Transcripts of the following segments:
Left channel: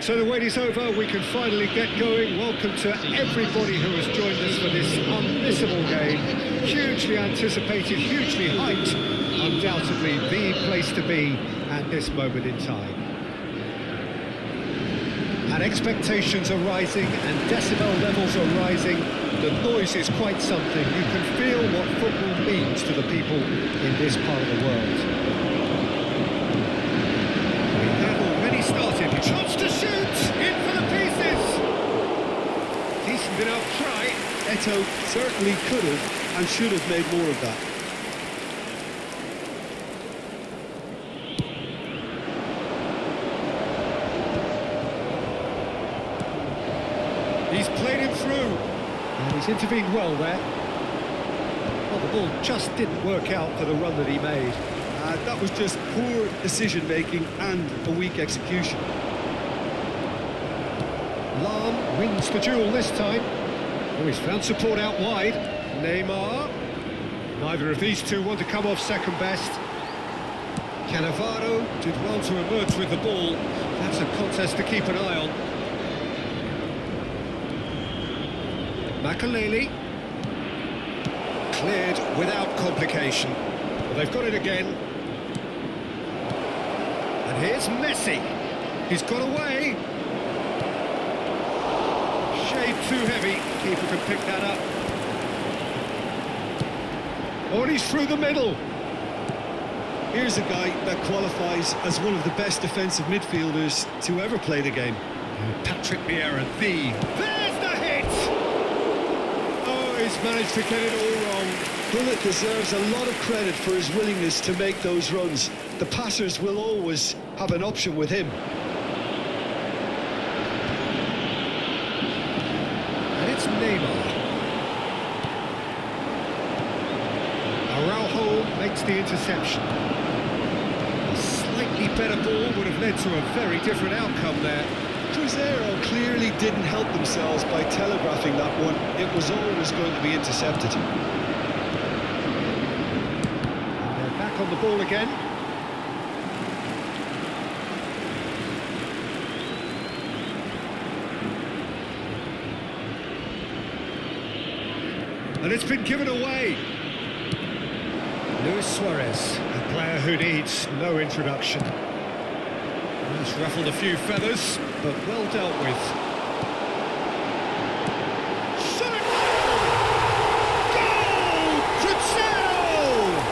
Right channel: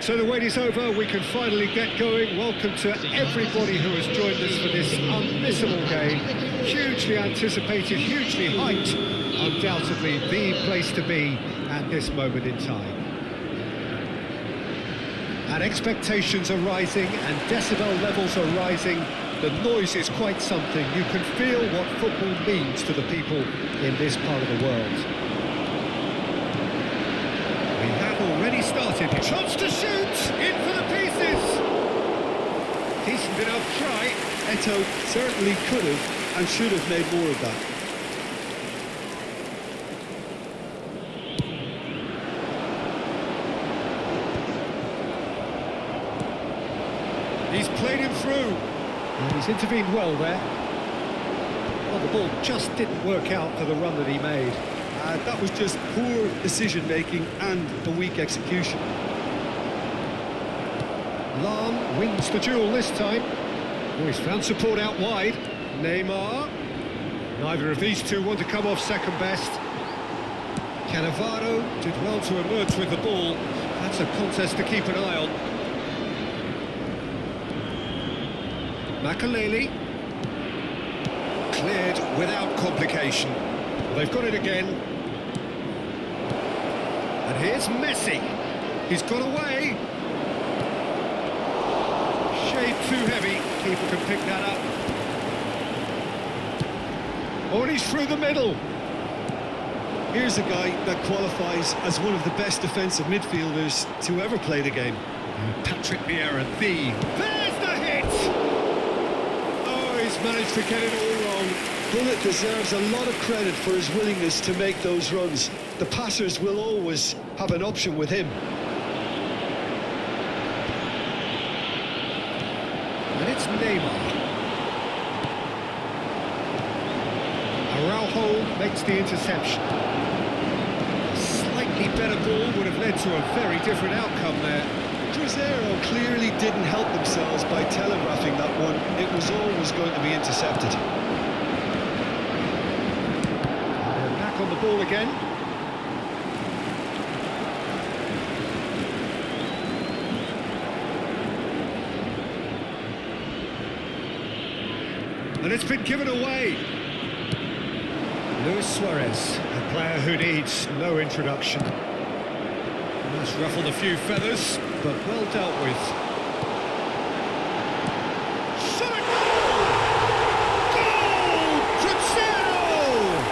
So the wait is over, we can finally get going. Welcome to everybody who has joined us for this unmissable game. Hugely anticipated, hugely hyped. Undoubtedly the place to be at this moment in time. And expectations are rising and decibel levels are rising. The noise is quite something. You can feel what football means to the people in this part of the world. We have already started. Chance to shoot! In for the pieces! Decent enough try. Eto'o certainly could have and should have made more of that. He's played him through. And he's intervened well there. Well, the ball just didn't work out for the run that he made. That was just poor decision-making and a weak execution. Lam wins the duel this time. Oh, he's found support out wide. Neymar. Neither of these two want to come off second best. Cannavaro did well to emerge with the ball. That's a contest to keep an eye on. Makaleli. Cleared without complication. Well, they've got it again. And here's Messi. He's got away. Shade too heavy. Keeper can pick that up. Oh, and he's through the middle. Here's a guy that qualifies as one of the best defensive midfielders to ever play the game. Patrick Vieira, There's the hit! Oh, he's managed to get it all wrong. Bullet deserves a lot of credit for his willingness to make those runs. The passers will always have an option with him. And it's Neymar. Araujo makes the interception. A slightly better ball would have led to a very different outcome there. Cruzeiro clearly didn't help themselves by telegraphing that one. It was always going to be intercepted. And they're back on the ball again. And it's been given away. Luis Suarez, a player who needs no introduction. Has ruffled a few feathers, but well dealt with. Zero!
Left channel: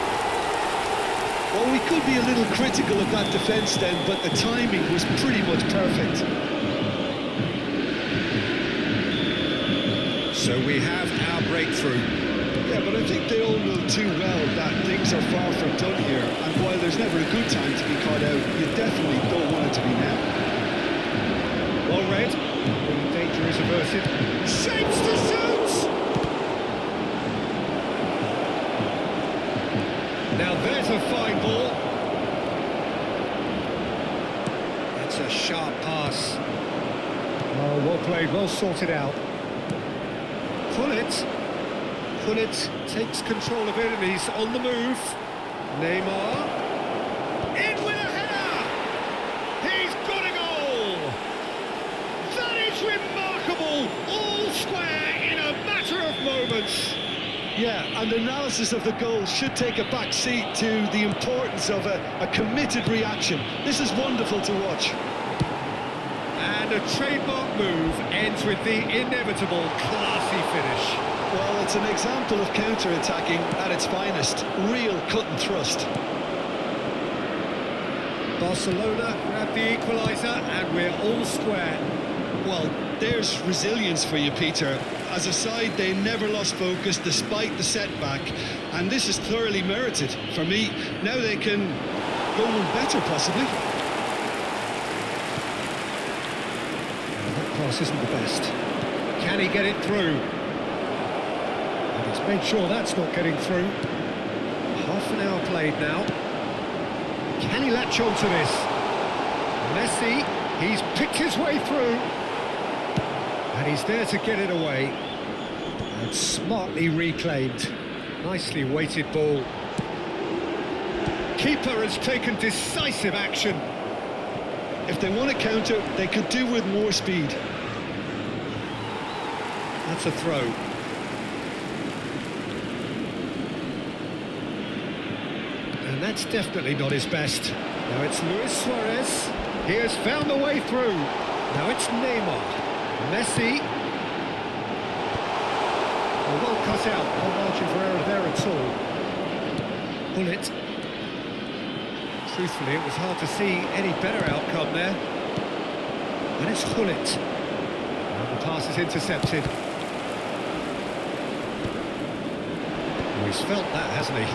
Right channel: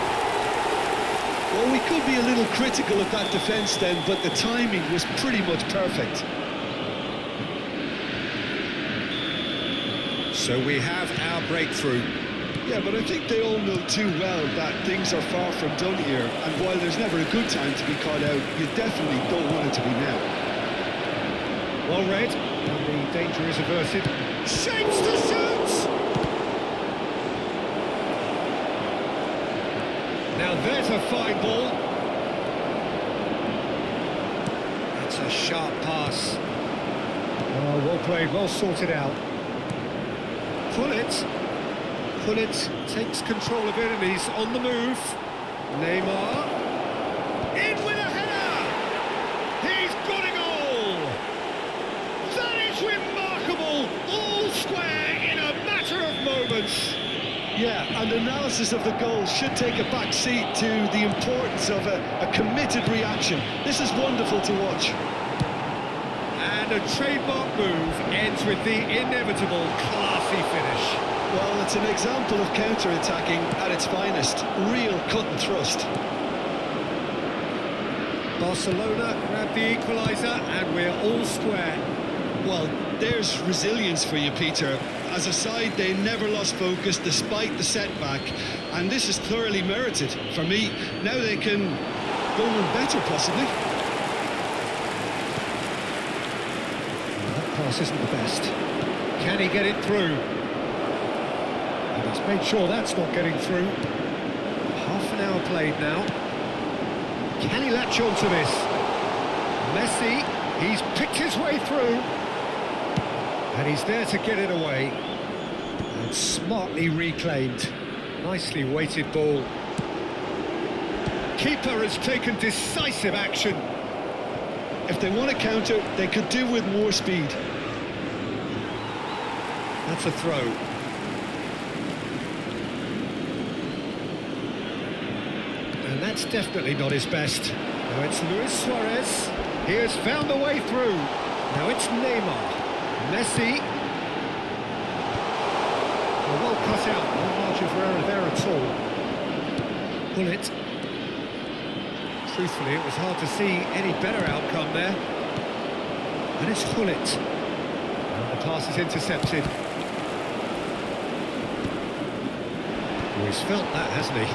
Well, we could be a little critical of that defence then, but the timing was pretty much perfect. So we have our breakthrough. Yeah, but I think they all know too well that things are far from done here, and while there's never a good time to be caught out, you definitely don't want it to be now. Well read, and the danger is averted. Shapes to shoot! Now there's a fine ball. That's a sharp pass. Oh, well played, well sorted out. Pullet takes control of it and he's on the move. Neymar. In with a header! He's got a goal! That is remarkable! All square in a matter of moments. Yeah, and analysis of the goal should take a back seat to the importance of a committed reaction. This is wonderful to watch. And a trademark move ends with the inevitable classy finish. Well, it's an example of counter-attacking at its finest. Real cut and thrust. Barcelona grab the equaliser and we're all square. Well, there's resilience for you, Peter. As a side, they never lost focus despite the setback, and this is thoroughly merited. For me, now they can go one better, possibly. That pass isn't the best. Can he get it through? And he's made sure that's not getting through. Half an hour played now. Can he latch on to this? Messi, he's picked his way through. And he's there to get it away. And smartly reclaimed. Nicely weighted ball. Keeper has taken decisive action. If they want to counter, they could do with more speed. That's a throw. And that's definitely not his best. Now it's Luis Suarez. He has found the way through. Now it's Neymar. Messi. Oh, well cut out. No margin for error there at all. Bullet. Truthfully, it was hard to see any better outcome there. And it's Hullet. And the pass is intercepted. Oh, he's felt that, hasn't he?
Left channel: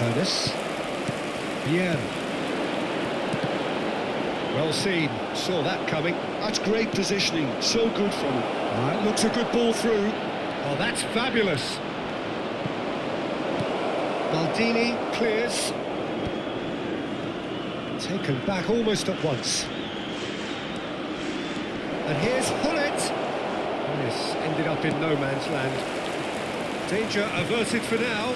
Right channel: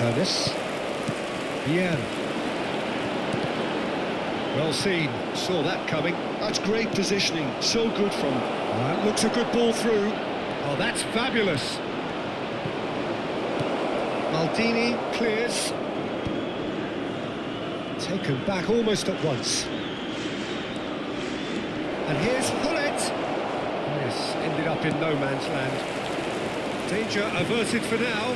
Ernest. Vieira. Well seen. Saw that coming. That's great positioning. So good from him. That looks a good ball through. Oh, that's fabulous. Maldini clears. Taken back almost at once. And here's Hullet. That has ended up in no man's land. Danger averted for now.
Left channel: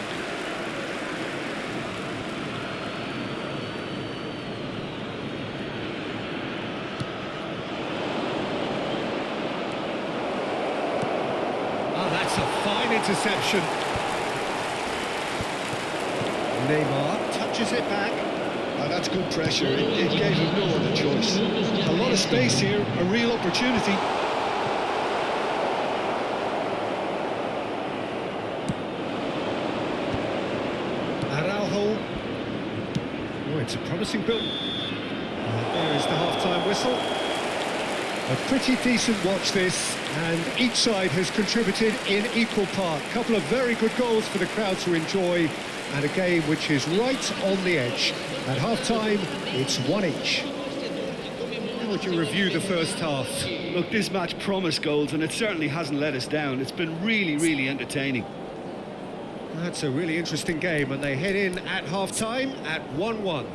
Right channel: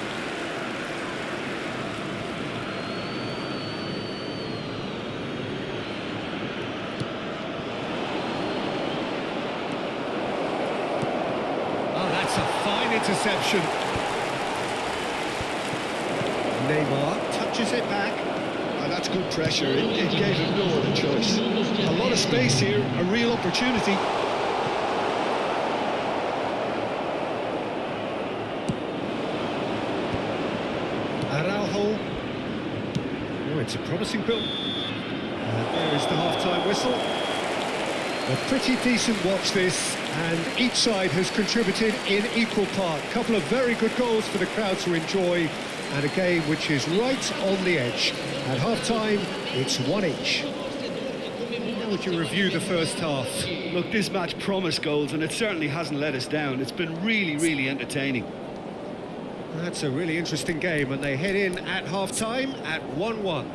Oh, that's a fine interception. Neymar touches it back. Oh, that's good pressure. It gave him no other choice. A lot of space here, a real opportunity. Araujo. Oh, it's a promising build. There is the half-time whistle. A pretty decent watch this, and each side has contributed in equal part. Couple of very good goals for the crowd to enjoy, and a game which is right on the edge. At half-time, it's one each. How would you review the first half? Look, this match promised goals, and it certainly hasn't let us down. It's been really, really entertaining. That's a really interesting game, and they head in at half-time at 1-1.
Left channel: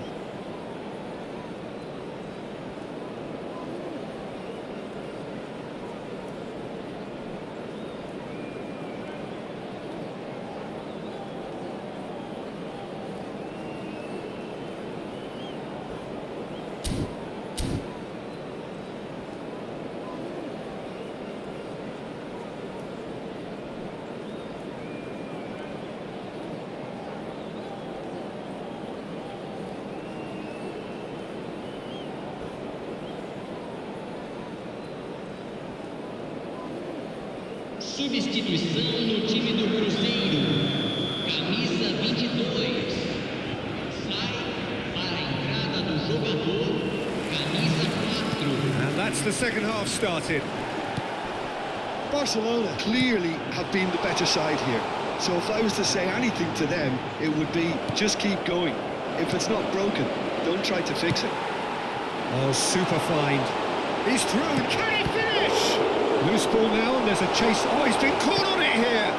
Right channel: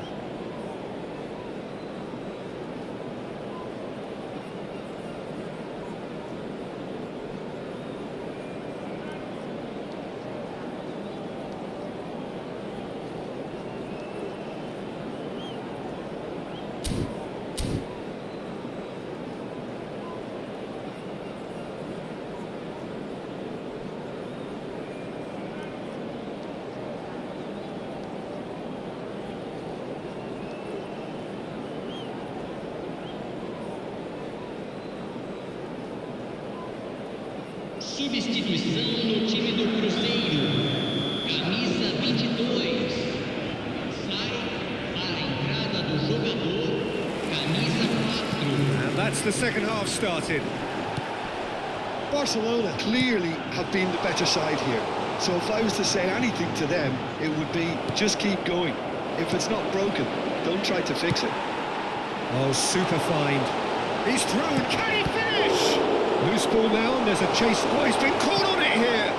Substituição no time do Cruzeiro. Camisa 22. Sai para a entrada do jogador. Camisa 4. And that's the second half started. Barcelona clearly have been the better side here. So if I was to say anything to them, it would be just keep going. If it's not broken, don't try to fix it. Oh, super find. He's through. Can he finish? Loose ball now, and there's a chase. Oh, he's been caught on it here.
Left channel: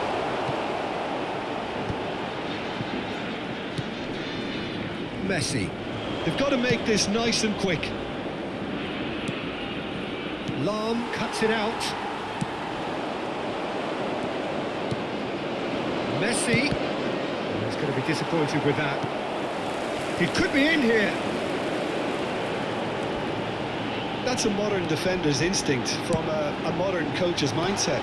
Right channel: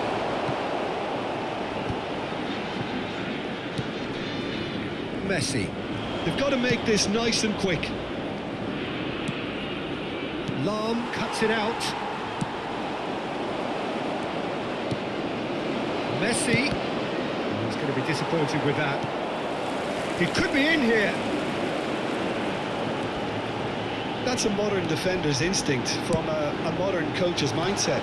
Messi. They've got to make this nice and quick. Lam cuts it out. Messi. Oh, he's going to be disappointed with that. He could be in here. That's a modern defender's instinct from a modern coach's mindset.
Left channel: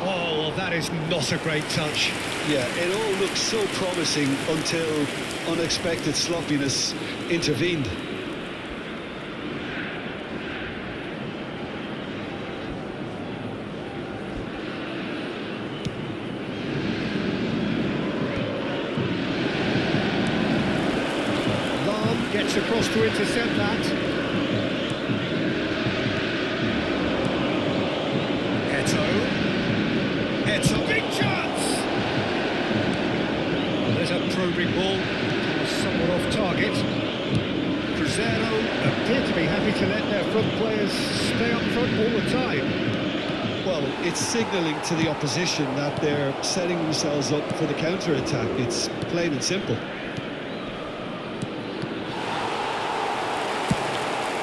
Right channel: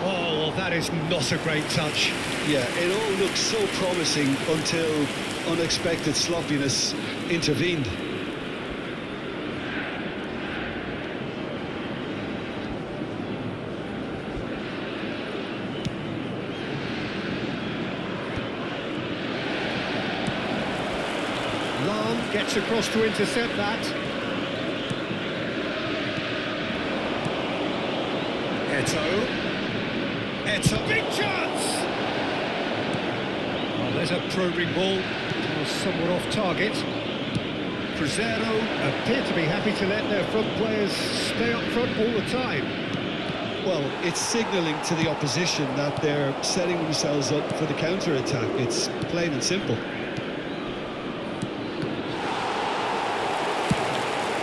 Oh, well, that is not a great touch. Yeah, it all looked so promising until unexpected sloppiness intervened. Lam gets across to intercept that. Eto, big chance! Oh, there's a probing ball, somewhat off target. Cruzeiro appear to be happy to let their front players stay up front all the time. Well, it's signalling to the opposition that they're setting themselves up for the counter-attack. It's plain and simple.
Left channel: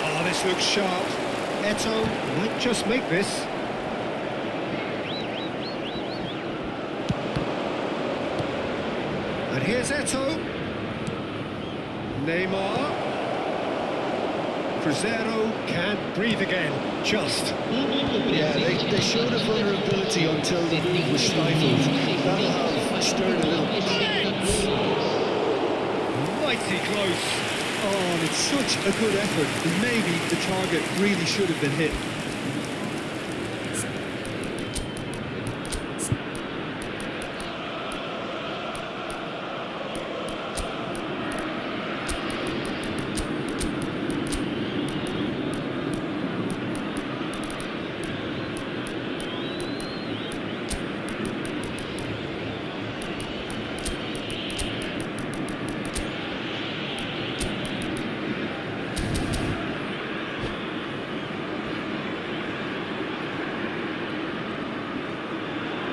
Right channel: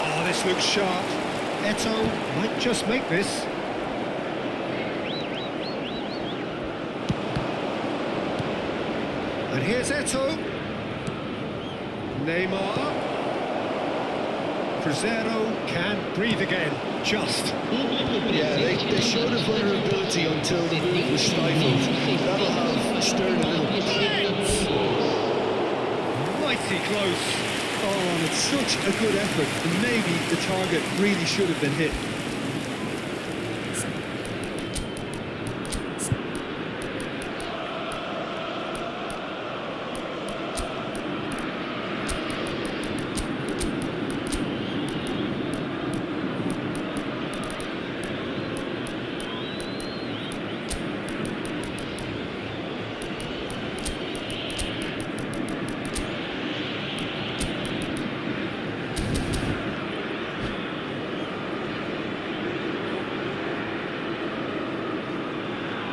Oh, this looks sharp. Eto might just make this. And here's Eto. Neymar. Cruzeiro can't breathe again, just. Yeah, they showed a vulnerability until the move was stifled. That'll have stirred a little. Mighty close. Oh, and it's such a good effort, and maybe the target really should have been hit.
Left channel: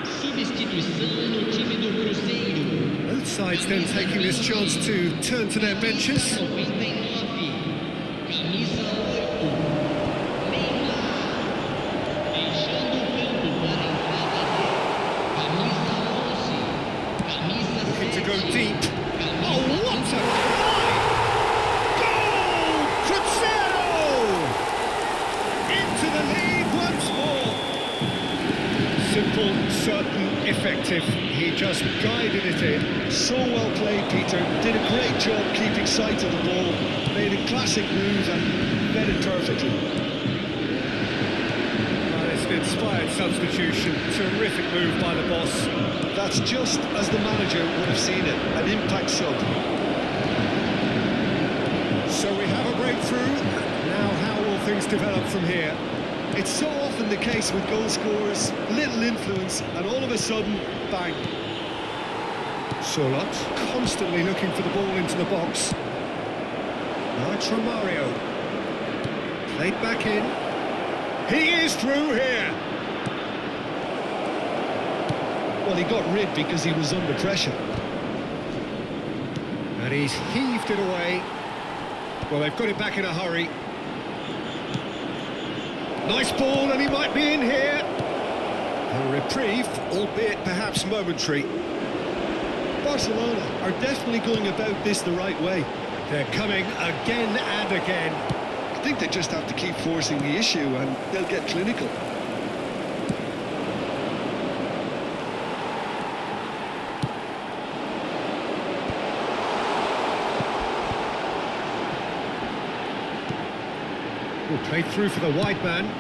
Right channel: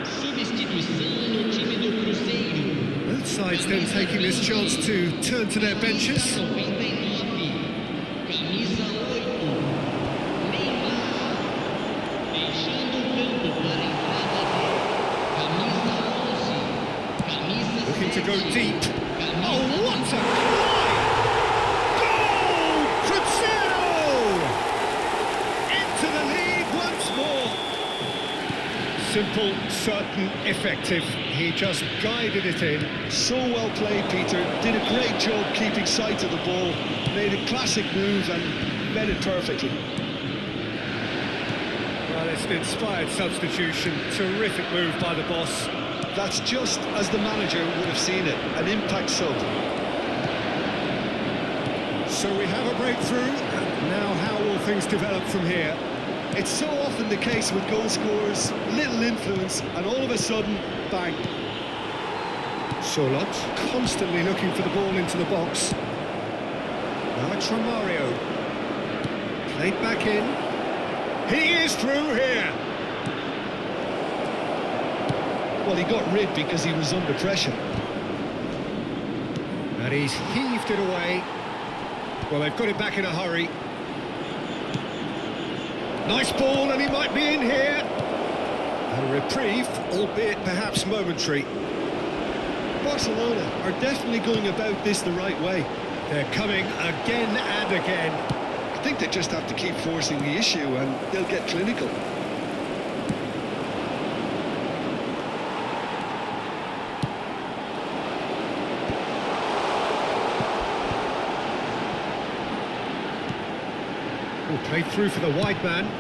Substituição no time do Cruzeiro. Both sides then taking this chance to turn to their benches. 99. Camisa 8. Neymar. Deixando o campo para a entrada dele. Camisa 11. Camisa Looking to go 7. deep. Camisa Oh, what a climb! Goal! Cruzeiro! Into the lead once more. Simple, certain, effective. He just guided it in. So well played, Peter. Did a great job keeping sight of the ball. Made a classic move and met it perfectly. Well, it's an inspired substitution. Terrific move by the boss. That's just as the manager would have seen it. An impact sub. So we have a breakthrough. Now how will things develop from here? It's so often the case with goal scorers, little influence, and all of a sudden, bang. Solot constantly looking for the ball into the box. Now it's Romario. Played back in. He is through here. Well, he got rid because he was under pressure. And he's heaved it away. Well, they've got it back in a hurry. Nice ball, and he might be in here. A reprieve, albeit perhaps momentary. Barcelona are definitely going about this the right way. They're coming again and again. I think they just have to keep forcing the issue and they'll get clinical. Oh, played through for the wide man.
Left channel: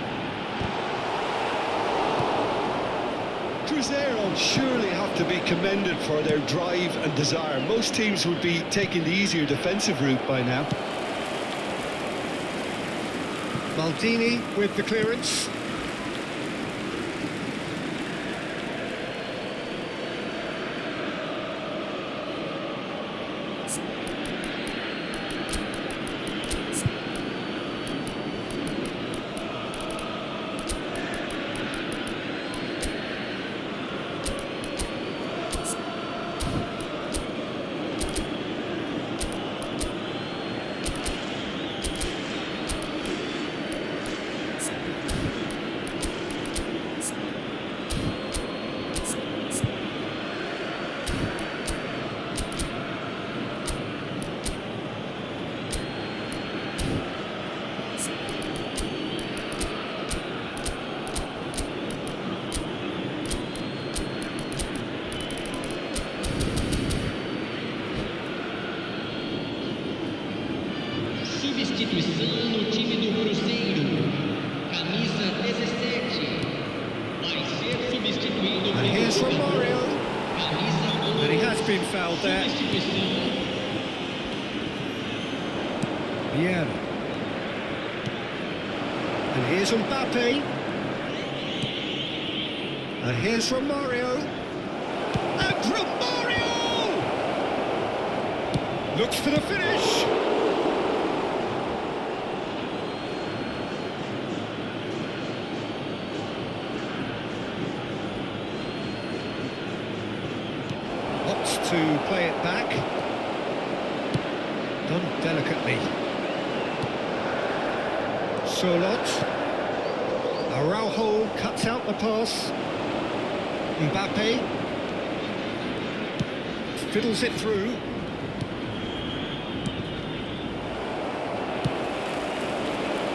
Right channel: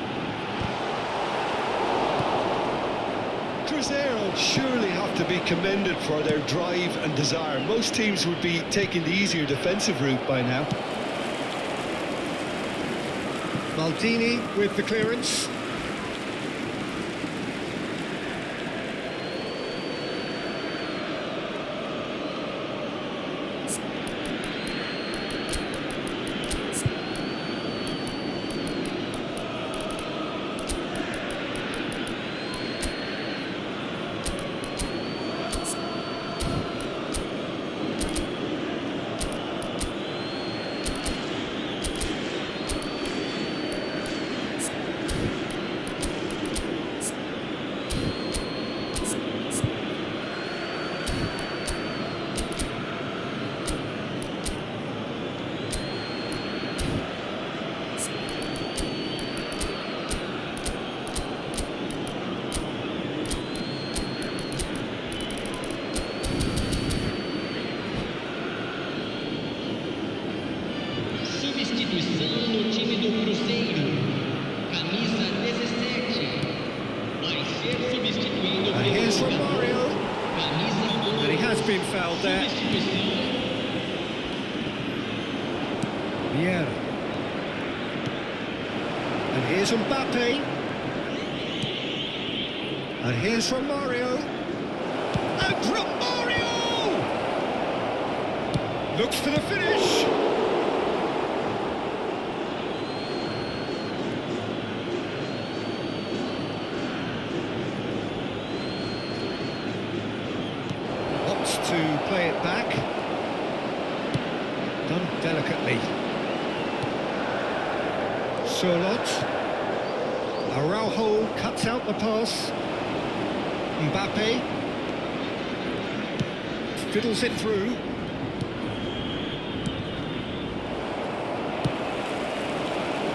Cruzeiro surely have to be commended for their drive and desire. Most teams would be taking the easier defensive route by now. Maldini with the clearance. Substituição no time do Cruzeiro. Camisa 17. Vai ser substituído And here's Romario. Camisa 2. And he has been fouled there. Substituição. Vieira. And here's Mbappe. And here's Romario. And Romario! Looks for the finish. Opts to play it back. Done delicately. Solot. Araujo cuts out the pass. Mbappe. Fiddles it through.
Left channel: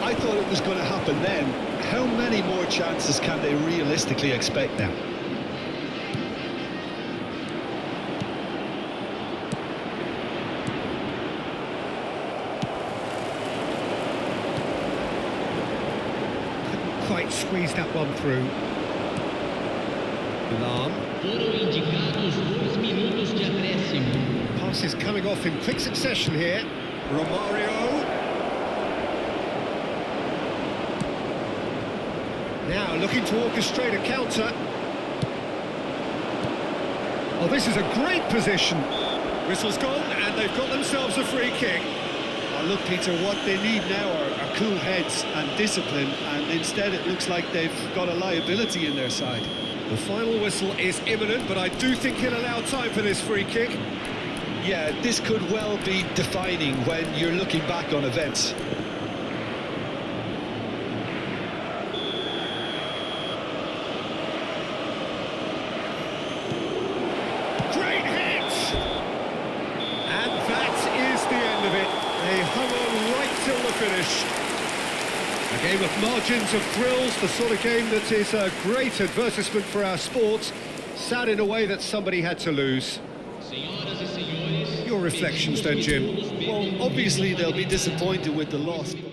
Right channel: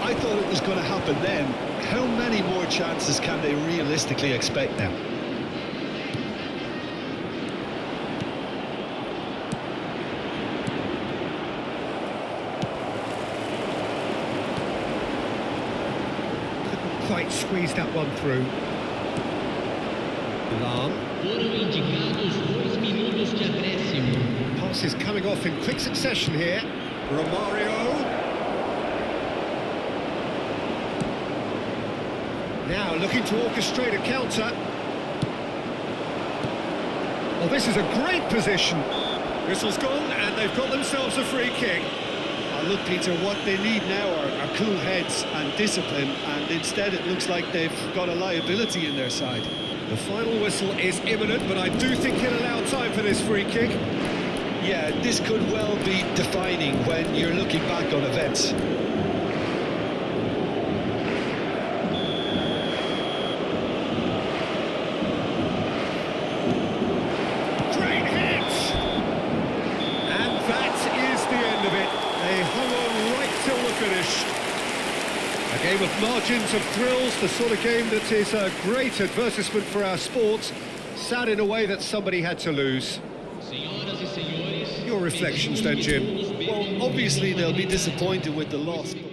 I thought it was going to happen then. How many more chances can they realistically expect now? Quite squeezed that one through. Lam. Foram indicados 2 minutos de acréscimo. Passes coming off in quick succession here. Romario. Now looking to orchestrate a counter. Oh, this is a great position. Whistle's gone and they've got themselves a free kick. Look, Peter, what they need now are cool heads and discipline, and instead it looks like they've got a liability in their side. The final whistle is imminent, but I do think he'll allow time for this free kick. Yeah, this could well be defining when you're looking back on events. Great hit! And that is the end of it. They hung on right till the finish. A game of margins, of thrills, the sort of game that is a great advertisement for our sport. Sad in a way that somebody had to lose. Senhoras e senhores, Your reflections then, Jim? Well, obviously they'll be disappointed with the loss, but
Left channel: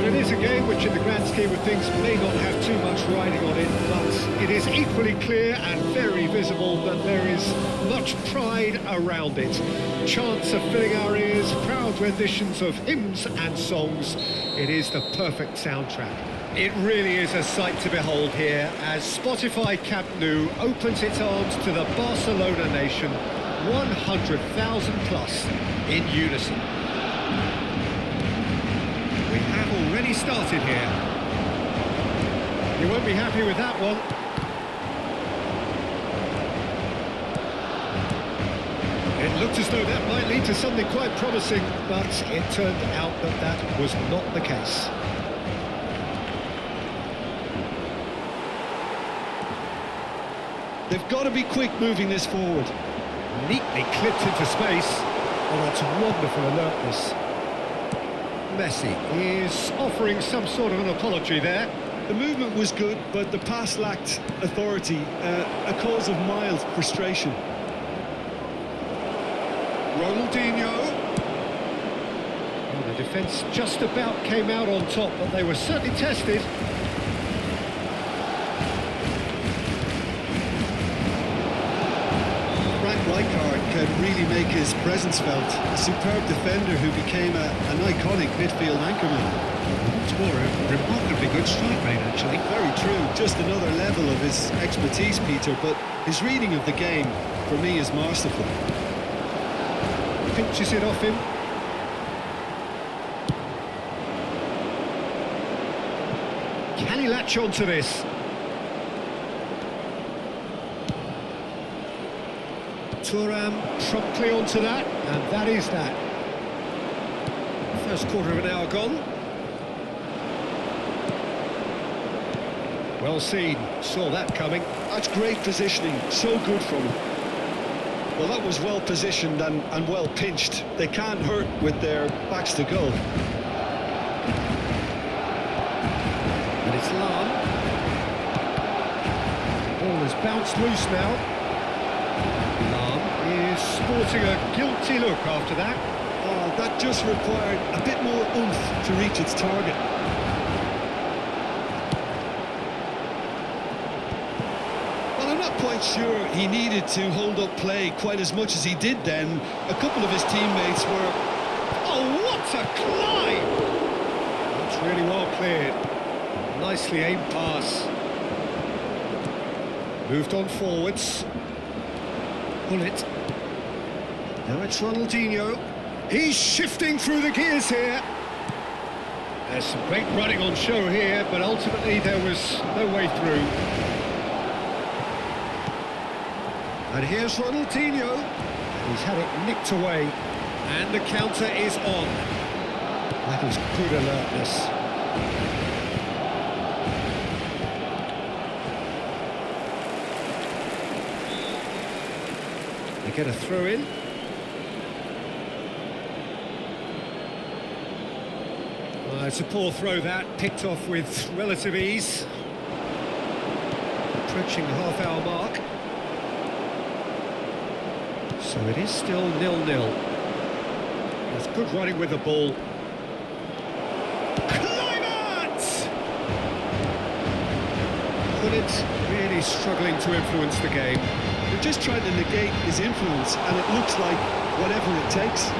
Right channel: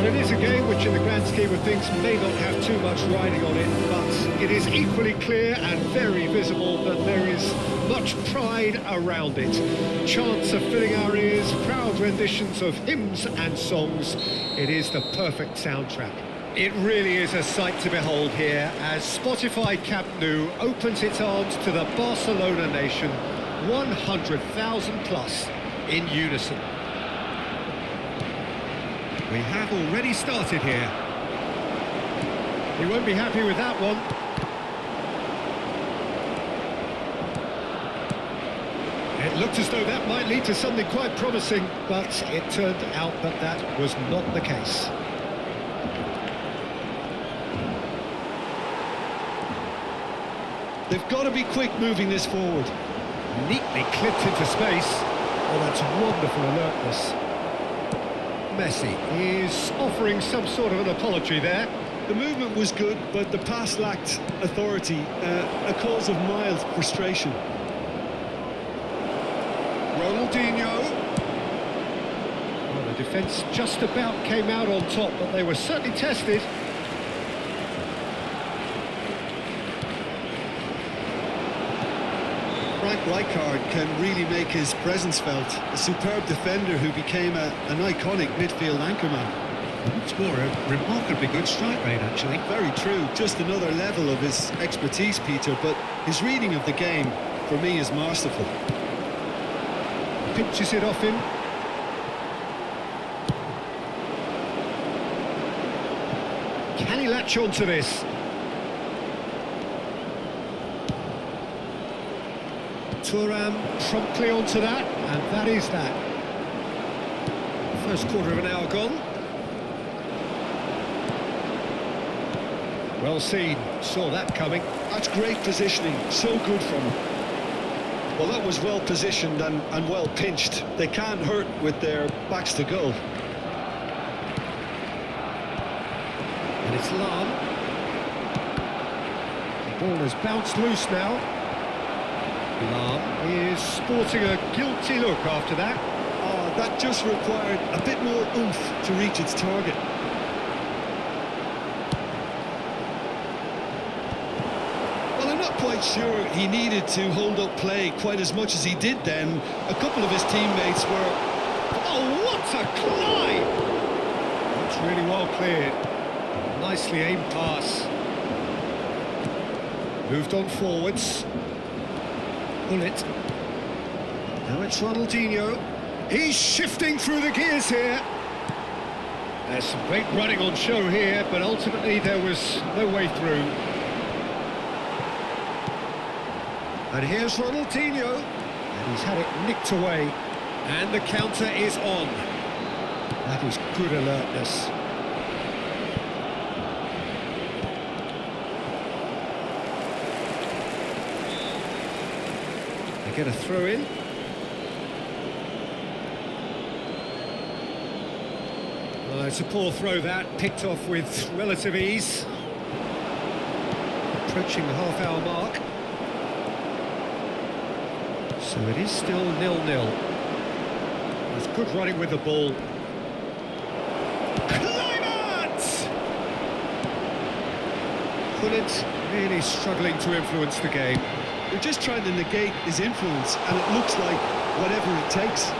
Well, it is a game which in the grand scheme of things may not have too much riding on it, but it is equally clear and very visible that there is much pride around it. Chants are filling our ears, proud renditions of hymns and songs. It is the perfect soundtrack. It really is a sight to behold here as Spotify Camp Nou opens its arms to the Barcelona nation, 100,000 plus in unison. We have already started here. He won't be happy with that one. It looked as though that might lead to something quite promising, but it turned out that that was not the case. They've got to be quick moving this forward. Neatly clipped into space. Oh, that's wonderful alertness. Messi is offering some sort of an apology there. The movement was good, but the pass lacked authority, a cause of mild frustration. Ronaldinho. Oh, the defence just about came out on top, but they were certainly tested. Frank Rijkaard can really make his presence felt. A superb defender who became an iconic midfield anchorman. What's more, a remarkably good strike rate, actually. Very true, just another level of his expertise, Peter, but his reading of the game, for me, is masterful. Pinches it off him. Can he latch on to this? Thuram promptly onto that, and that is that. First quarter of an hour gone. Well seen, saw that coming. That's great positioning, so good from him. Well, that was well positioned and well pinched. They can't hurt with their backs to goal. And it's Lam. The ball has bounced loose now. Lam is sporting a guilty look after that. Oh, that just required a bit more oomph to reach its target. Well, I'm not quite sure he needed to hold up play quite as much as he did then. A couple of his teammates were... Oh, what a climb! It's really well cleared. Nicely aimed pass. Moved on forwards. Pull it. Now it's Ronaldinho. He's shifting through the gears here. There's some great running on show here, but ultimately there was no way through. And here's Ronaldinho. And he's had it nicked away. And the counter is on. That is good alertness. They get a throw in. It's a poor throw that, picked off with relative ease. Approaching the half-hour mark. So it is still 0-0. That's good running with the ball. Climate! Gullit really struggling to influence the game. They're just trying to negate his influence, and it looks like whatever it takes.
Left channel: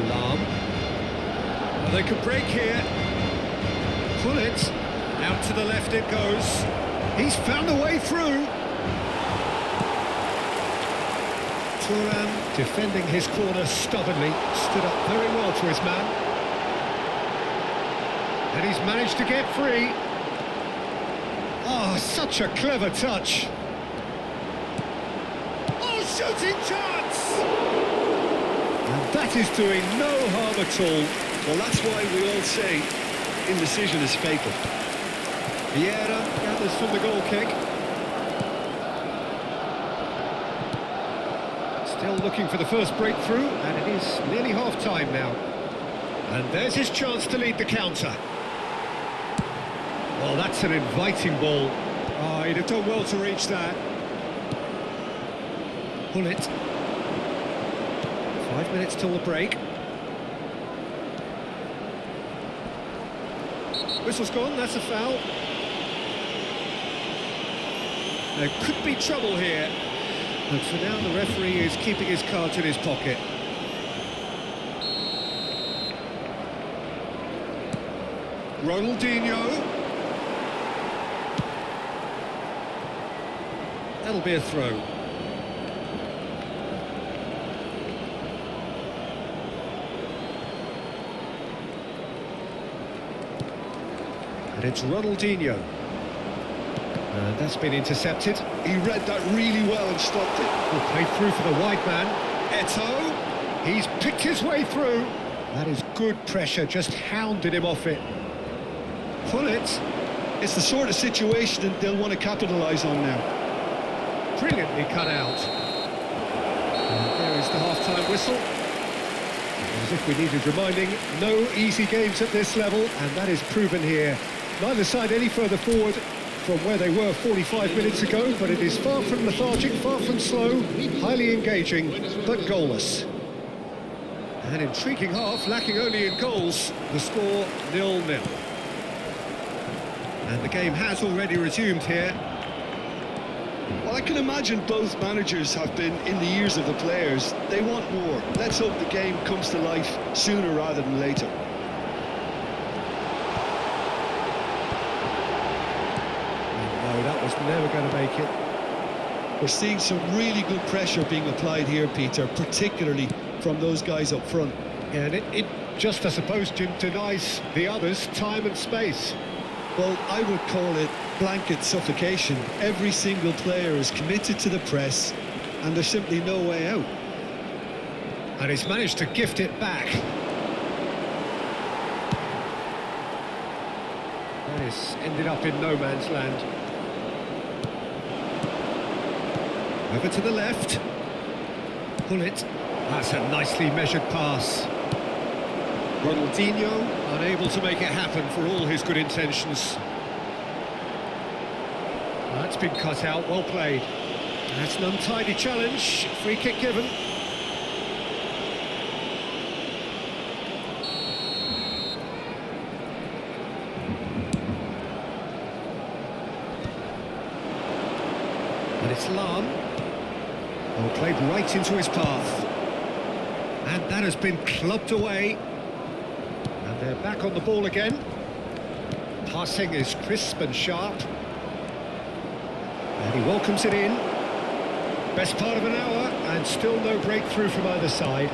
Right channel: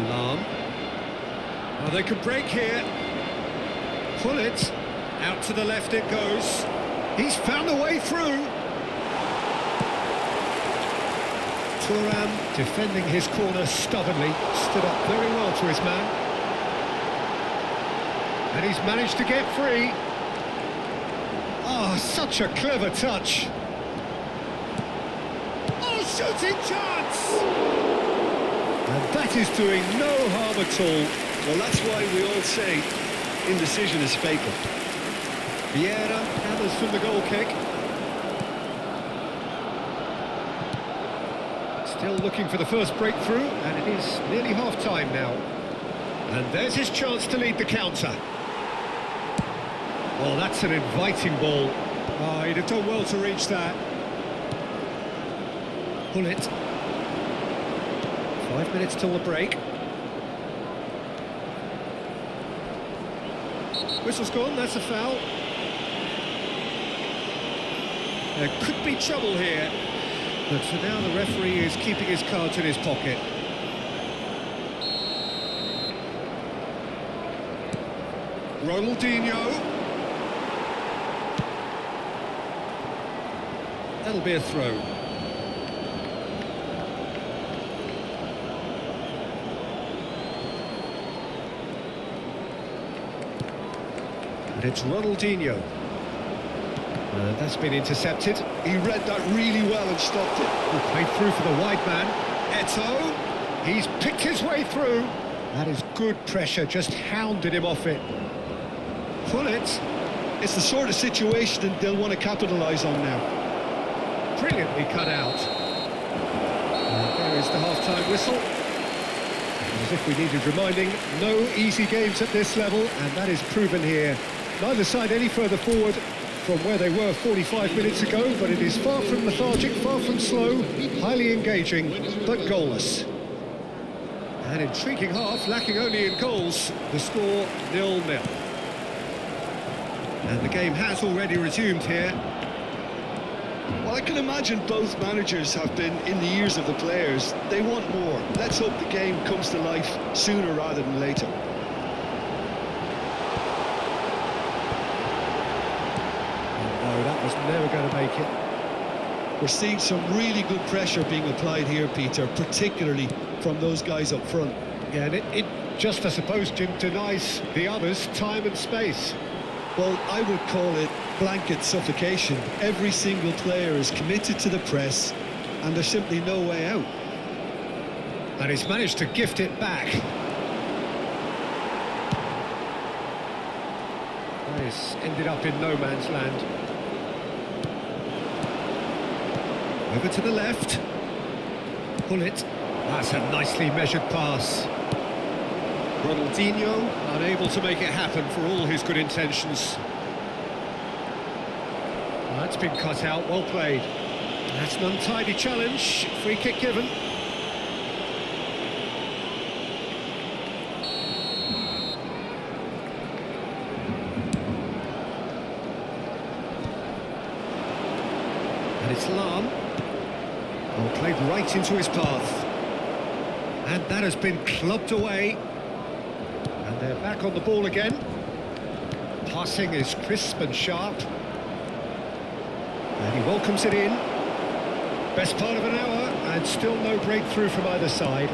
Lam. Oh, they could break here. Pull it. Out to the left it goes. He's found a way through. Thuram defending his corner stubbornly. Stood up very well to his man. And he's managed to get free. Oh, such a clever touch. Oh, shooting chance! And that is doing no harm at all. Well, that's why we all say indecision is fatal. Vieira gathers from the goal kick. Still looking for the first breakthrough, and it is nearly half-time now. And there's his chance to lead the counter. Oh, that's an inviting ball. Oh, he'd have done well to reach that. Pull it. 5 minutes till the break. Whistle's gone, that's a foul. There could be trouble here, but for now the referee is keeping his cards in his pocket. Ronaldinho. That'll be a throw. And it's Ronaldinho. That's been intercepted. He read that really well and stopped it. Oh, played through for the wide man. Eto'o. He's picked his way through. That is good pressure, just hounded him off it. Pull it. It's the sort of situation that they'll want to capitalise on now. Brilliantly cut out. And there is the half-time whistle. And as if we needed reminding, no easy games at this level, and that is proven here. Neither side any further forward from where they were 45 minutes ago, but it is far from lethargic, far from slow, highly engaging, but goalless. An intriguing half, lacking only in goals. The score 0-0. And the game has already resumed here. Well, I can imagine both managers have been in the ears of the players. They want more. Let's hope the game comes to life sooner rather than later. No, that was never going to make it. We're seeing some really good pressure being applied here, Peter, particularly from those guys up front. Yeah, and it just, I suppose, Jim, denies the others time and space. Well, I would call it blanket suffocation. Every single player is committed to the press, and there's simply no way out. And he's managed to gift it back. That is ended up in no man's land. Over to the left. Pull it. That's a nicely measured pass. Ronaldinho unable to make it happen for all his good intentions. That's been cut out, well played. That's an untidy challenge, free kick given. And it's Lam. Well played right into his path. And that has been clubbed away. And they're back on the ball again. Passing is crisp and sharp. And he welcomes it in. Best part of an hour, and still no breakthrough from either side.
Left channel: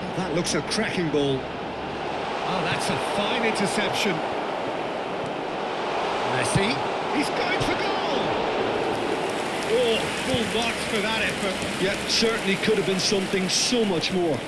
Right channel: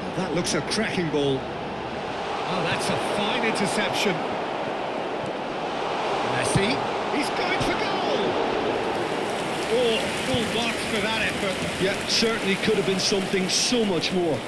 Well, that looks a cracking ball. Oh, that's a fine interception. Messi, he's going for goal! Oh, full marks for that effort. Yeah, certainly could have been something so much more.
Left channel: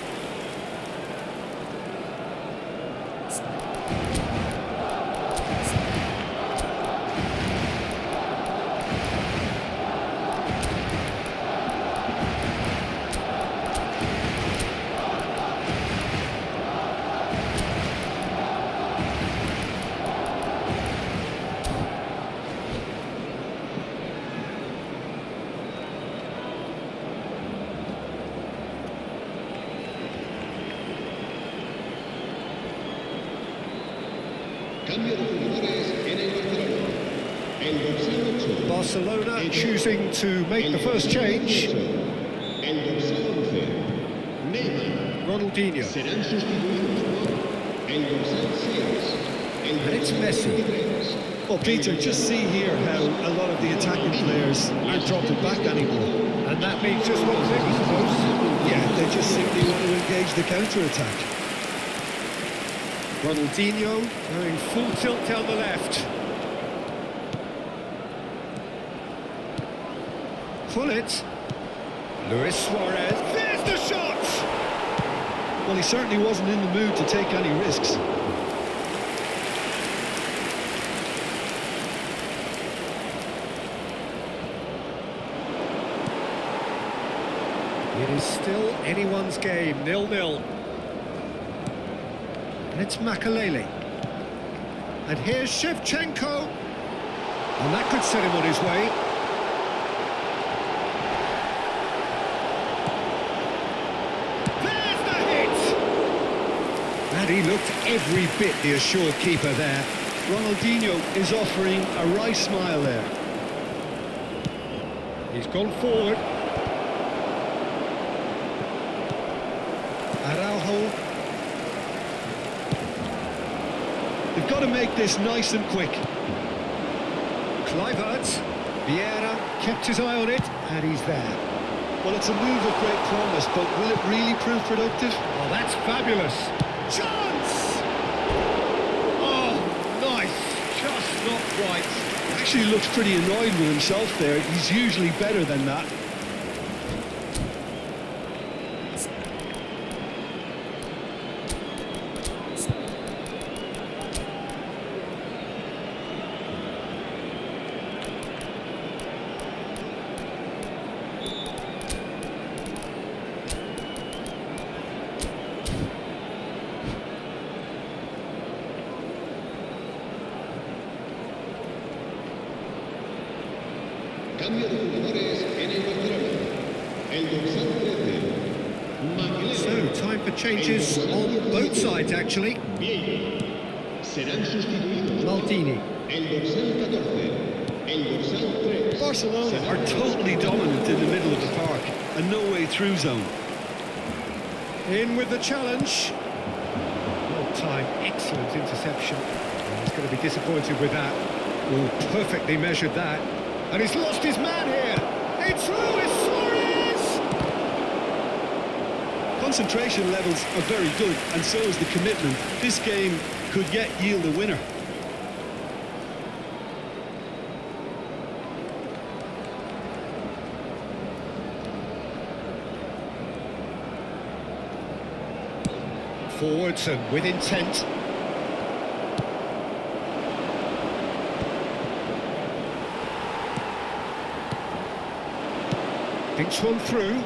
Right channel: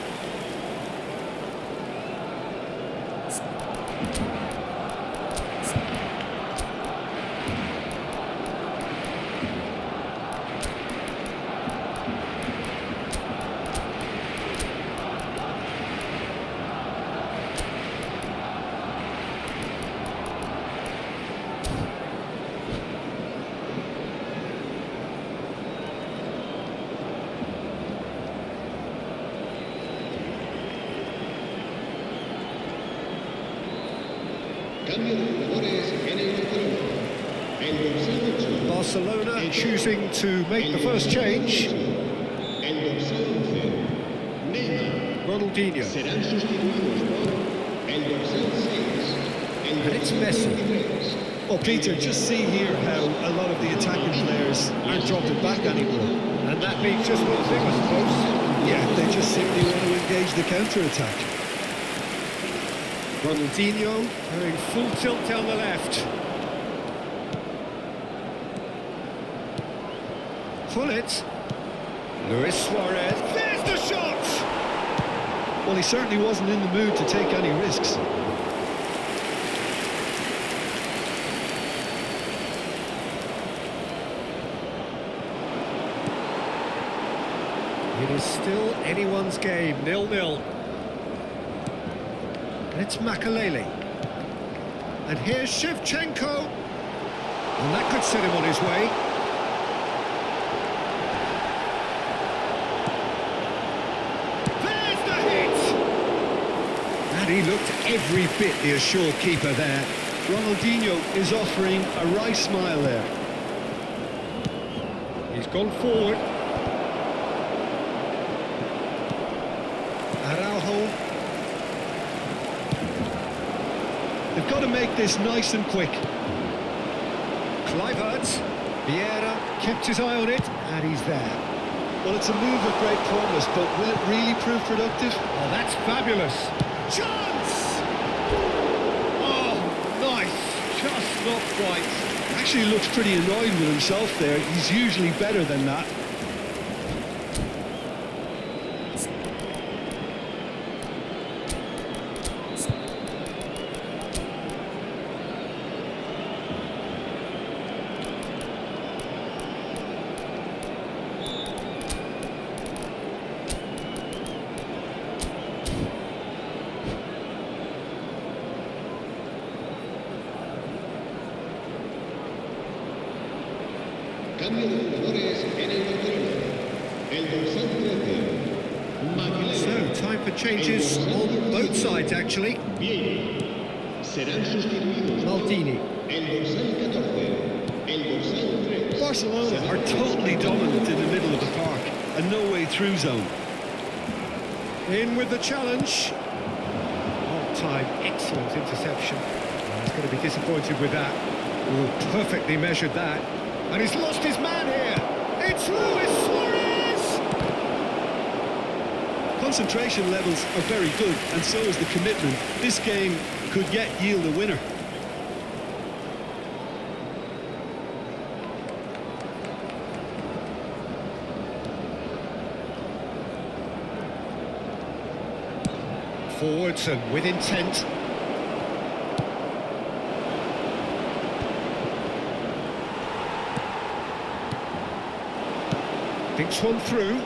Cambio de jugadores en el Barcelona. El dorsal 8. Barcelona choosing to make the first change. El dorsal 11. Neymar. Ronaldinho. Serán sustituidos por el dorsal 6. El And it's dorsal Messi. 23. Well, Peter, just see here how a lot of the attacking players aren't dropping back anymore. And that means just one thing, I suppose. Yeah, they just simply want to engage the counter-attack. Ronaldinho going full tilt down the left. Pull it. Luis Suarez. There's the shot! Well, he certainly wasn't in the mood to take any risks. It is still anyone's game, 0-0. And it's Makalele. And here's Shevchenko. And that could set him on his way. There's the hit! And he looked every bit the assured keeper there. Ronaldinho is offering a wry smile there. He's gone forward. Araujo. They've got to make this nice and quick. Kluivert. Vieira kept his eye on it, and he's there. Well, it's a move of great promise, but will it really prove productive? Oh, that's fabulous. Chance! Oh, nice. Just not quite. He actually looks pretty annoyed with himself there. He's usually better than that. Cambio de jugadores en el Barcelona. El dorsal 13. So, time for changes on both sides, actually. Vieira. Serán sustituidos. Maldini. El dorsal 14. El dorsal 3. Barcelona are totally dominant in the middle of the park. A no-way-through zone. In with the challenge. Well timed, excellent interception. And he's going to be disappointed with that. Oh, perfectly measured that. And he's lost his man here. It's Luis Suarez! Concentration levels are very good, and so is the commitment. This game could yet yield a winner. Forwards and with intent. Thinks one through.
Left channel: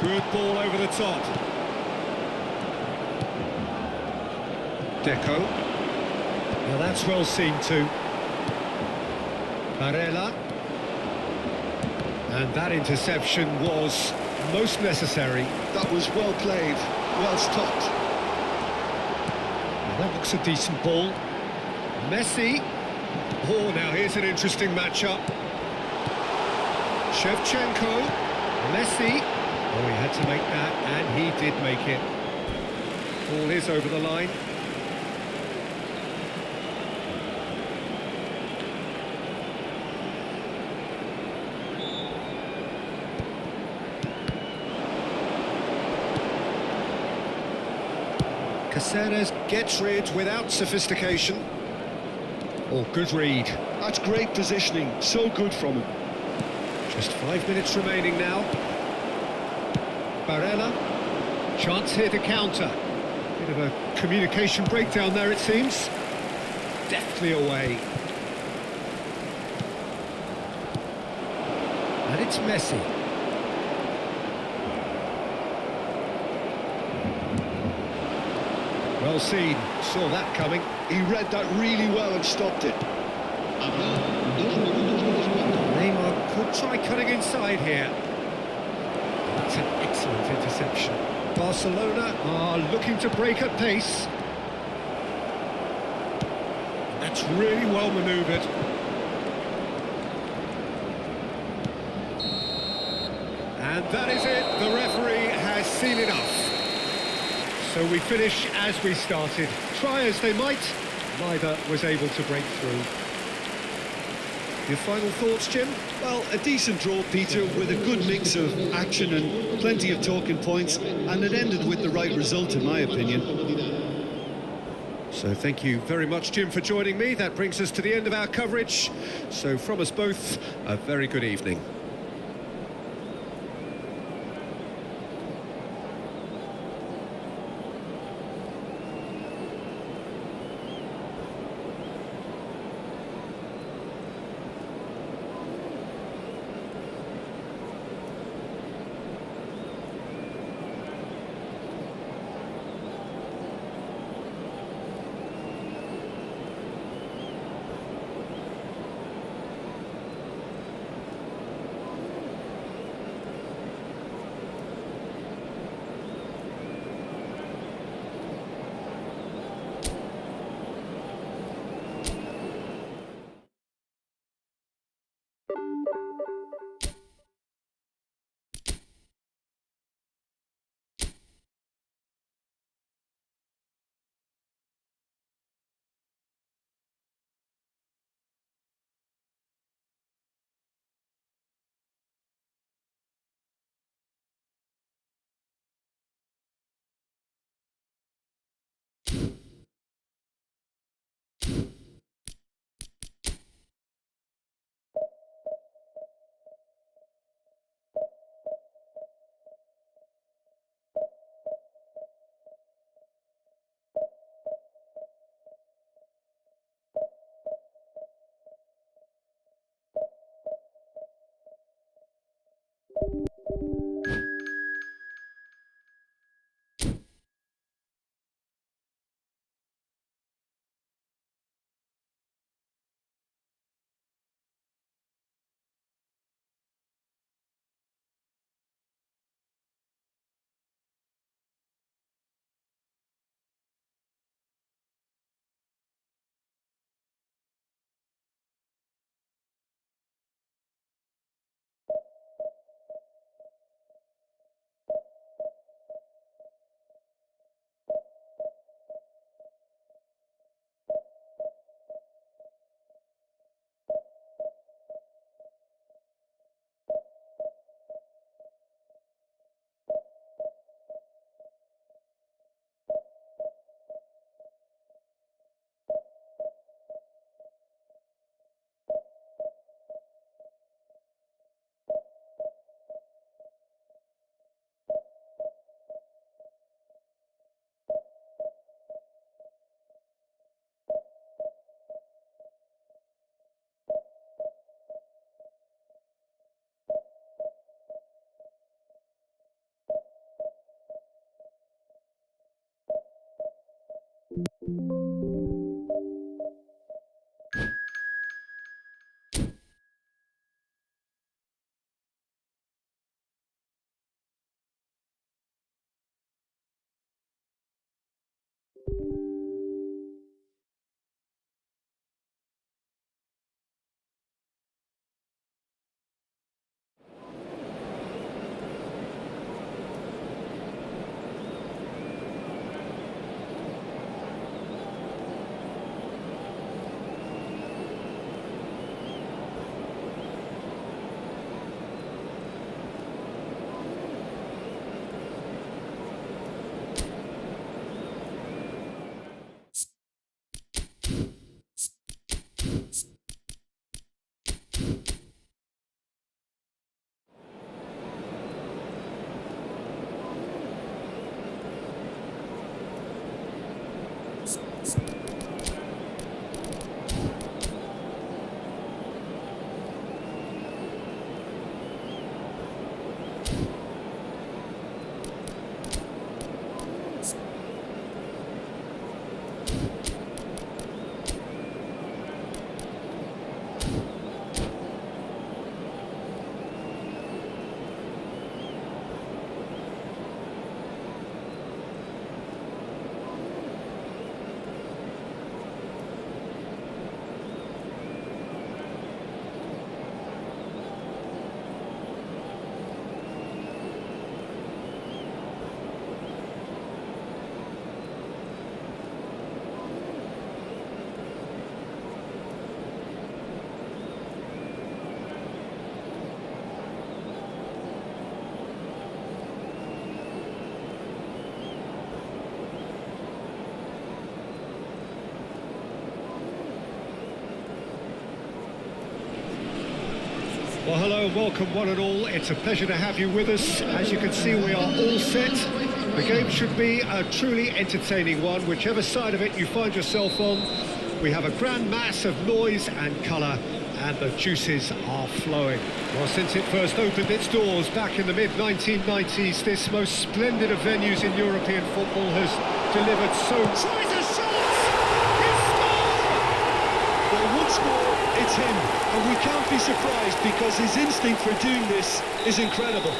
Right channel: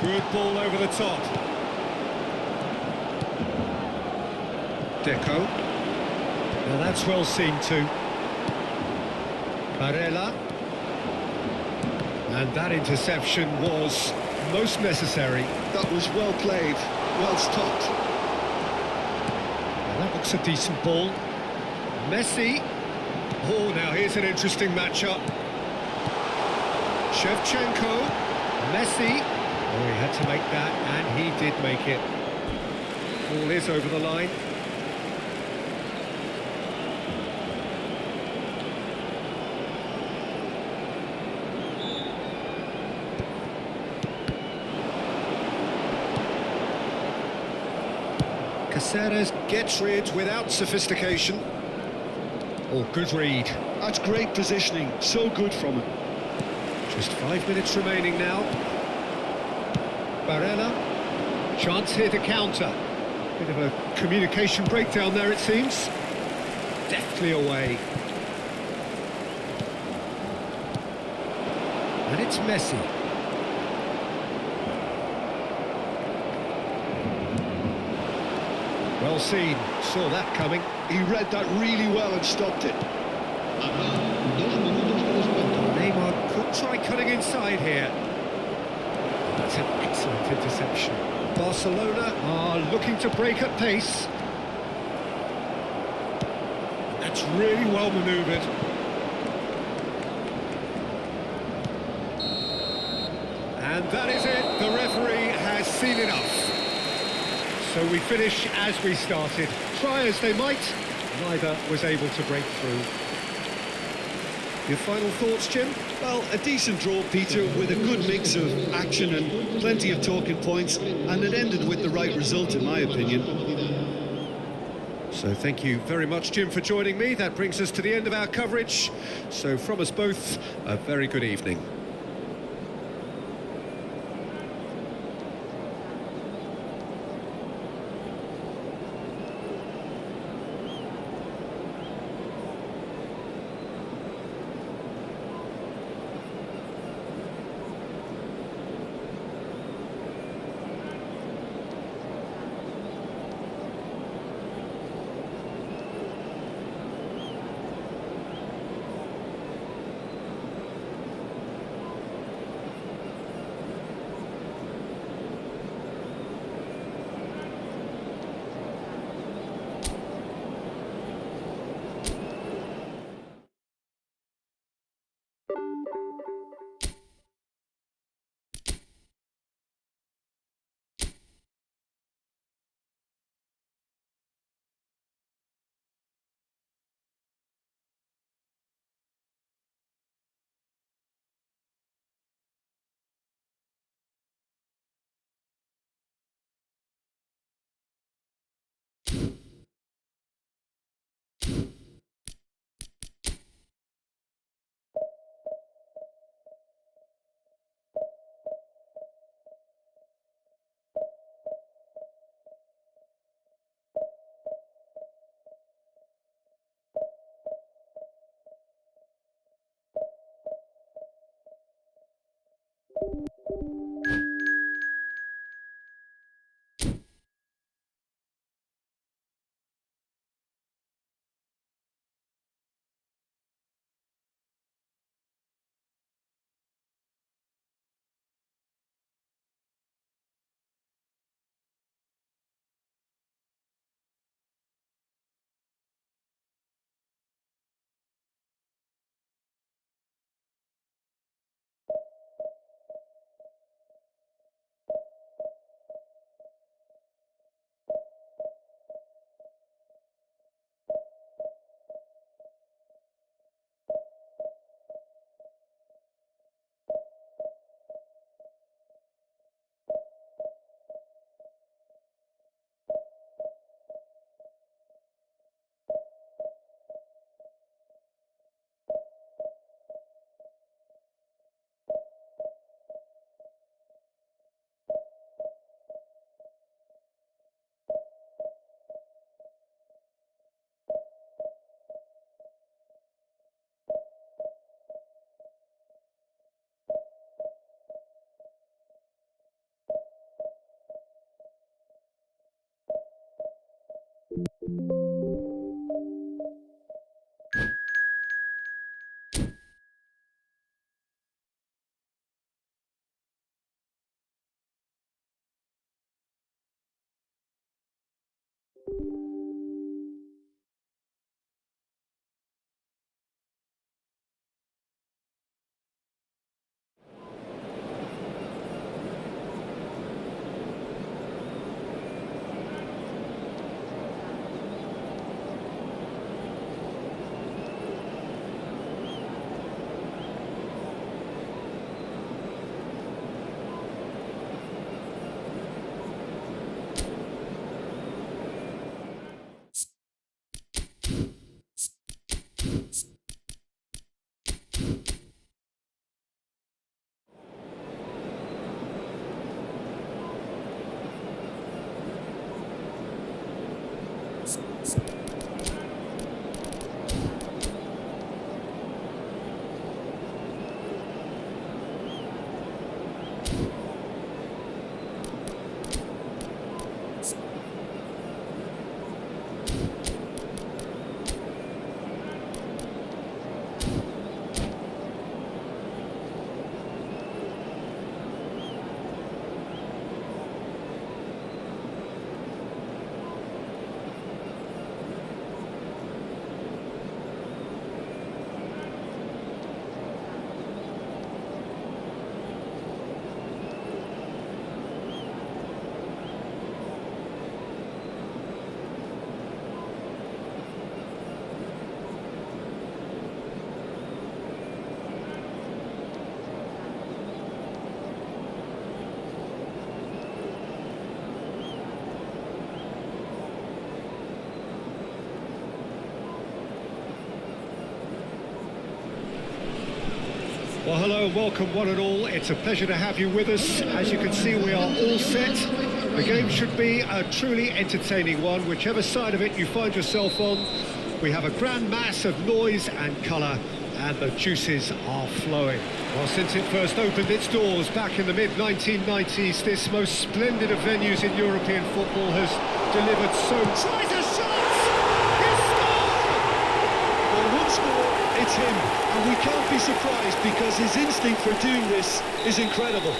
Good ball over the top. Deco. Now that's well seen too. Barella. And that interception was most necessary. That was well played, well stopped. Now that looks a decent ball. Messi. Oh, now here's an interesting matchup. Shevchenko, Messi. Oh, he had to make that, and he did make it. Ball is over the line. Caceres gets rid without sophistication. Oh, good read. That's great positioning, so good from him. Just 5 minutes remaining now. Barella. Chance here to counter. Bit of a communication breakdown there, it seems. Deftly away. And it's Messi. Well seen. Saw that coming. He read that really well and stopped it. Habrá 2 minutos de descuento. Neymar could try cutting inside here. That's an excellent interception. Barcelona are looking to break at pace. That's really well manoeuvred. And that is it. The referee has seen enough. So we finish as we started. Try as they might, neither was able to break through. Your final thoughts, Jim? Well, a decent draw, Peter, with a good mix of action and plenty of talking points, and it ended with the right result, in my opinion. So thank you very much, Jim, for joining me. That brings us to the end of our coverage. So from us both, a very good evening. Well, hello and welcome one and all. It's a pleasure to have you with us. As you can see, we are all set. The game should be a truly entertaining one, whichever side of it you find yourself on. We have a grand mass of noise and colour, and the juices are flowing. Well, since it first opened its doors back in the mid-1990s, this most splendid of venues in European football has delivered so... Tries a shot! He's scored! Well, once more, it's him, and we can't be surprised because his instinct for doing this is incredible.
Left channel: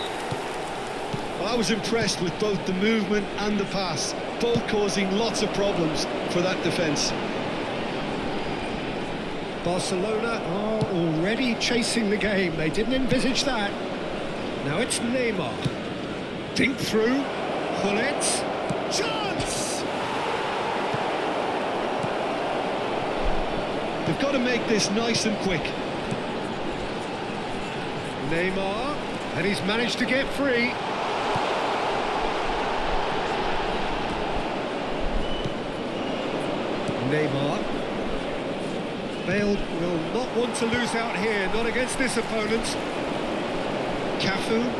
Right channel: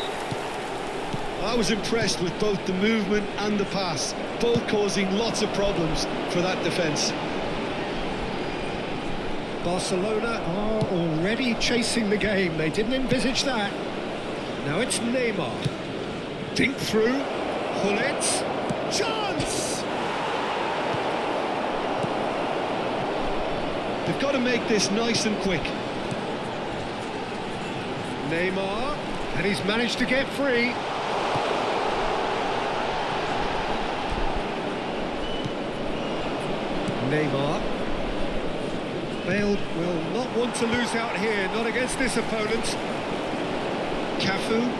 Well, I was impressed with both the movement and the pass, both causing lots of problems for that defence. Barcelona are already chasing the game. They didn't envisage that. Now it's Neymar. Dink through. Gullit. Chance! They've got to make this nice and quick. Neymar. And he's managed to get free. Neymar. Bale will not want to lose out here, not against this opponent. Cafu.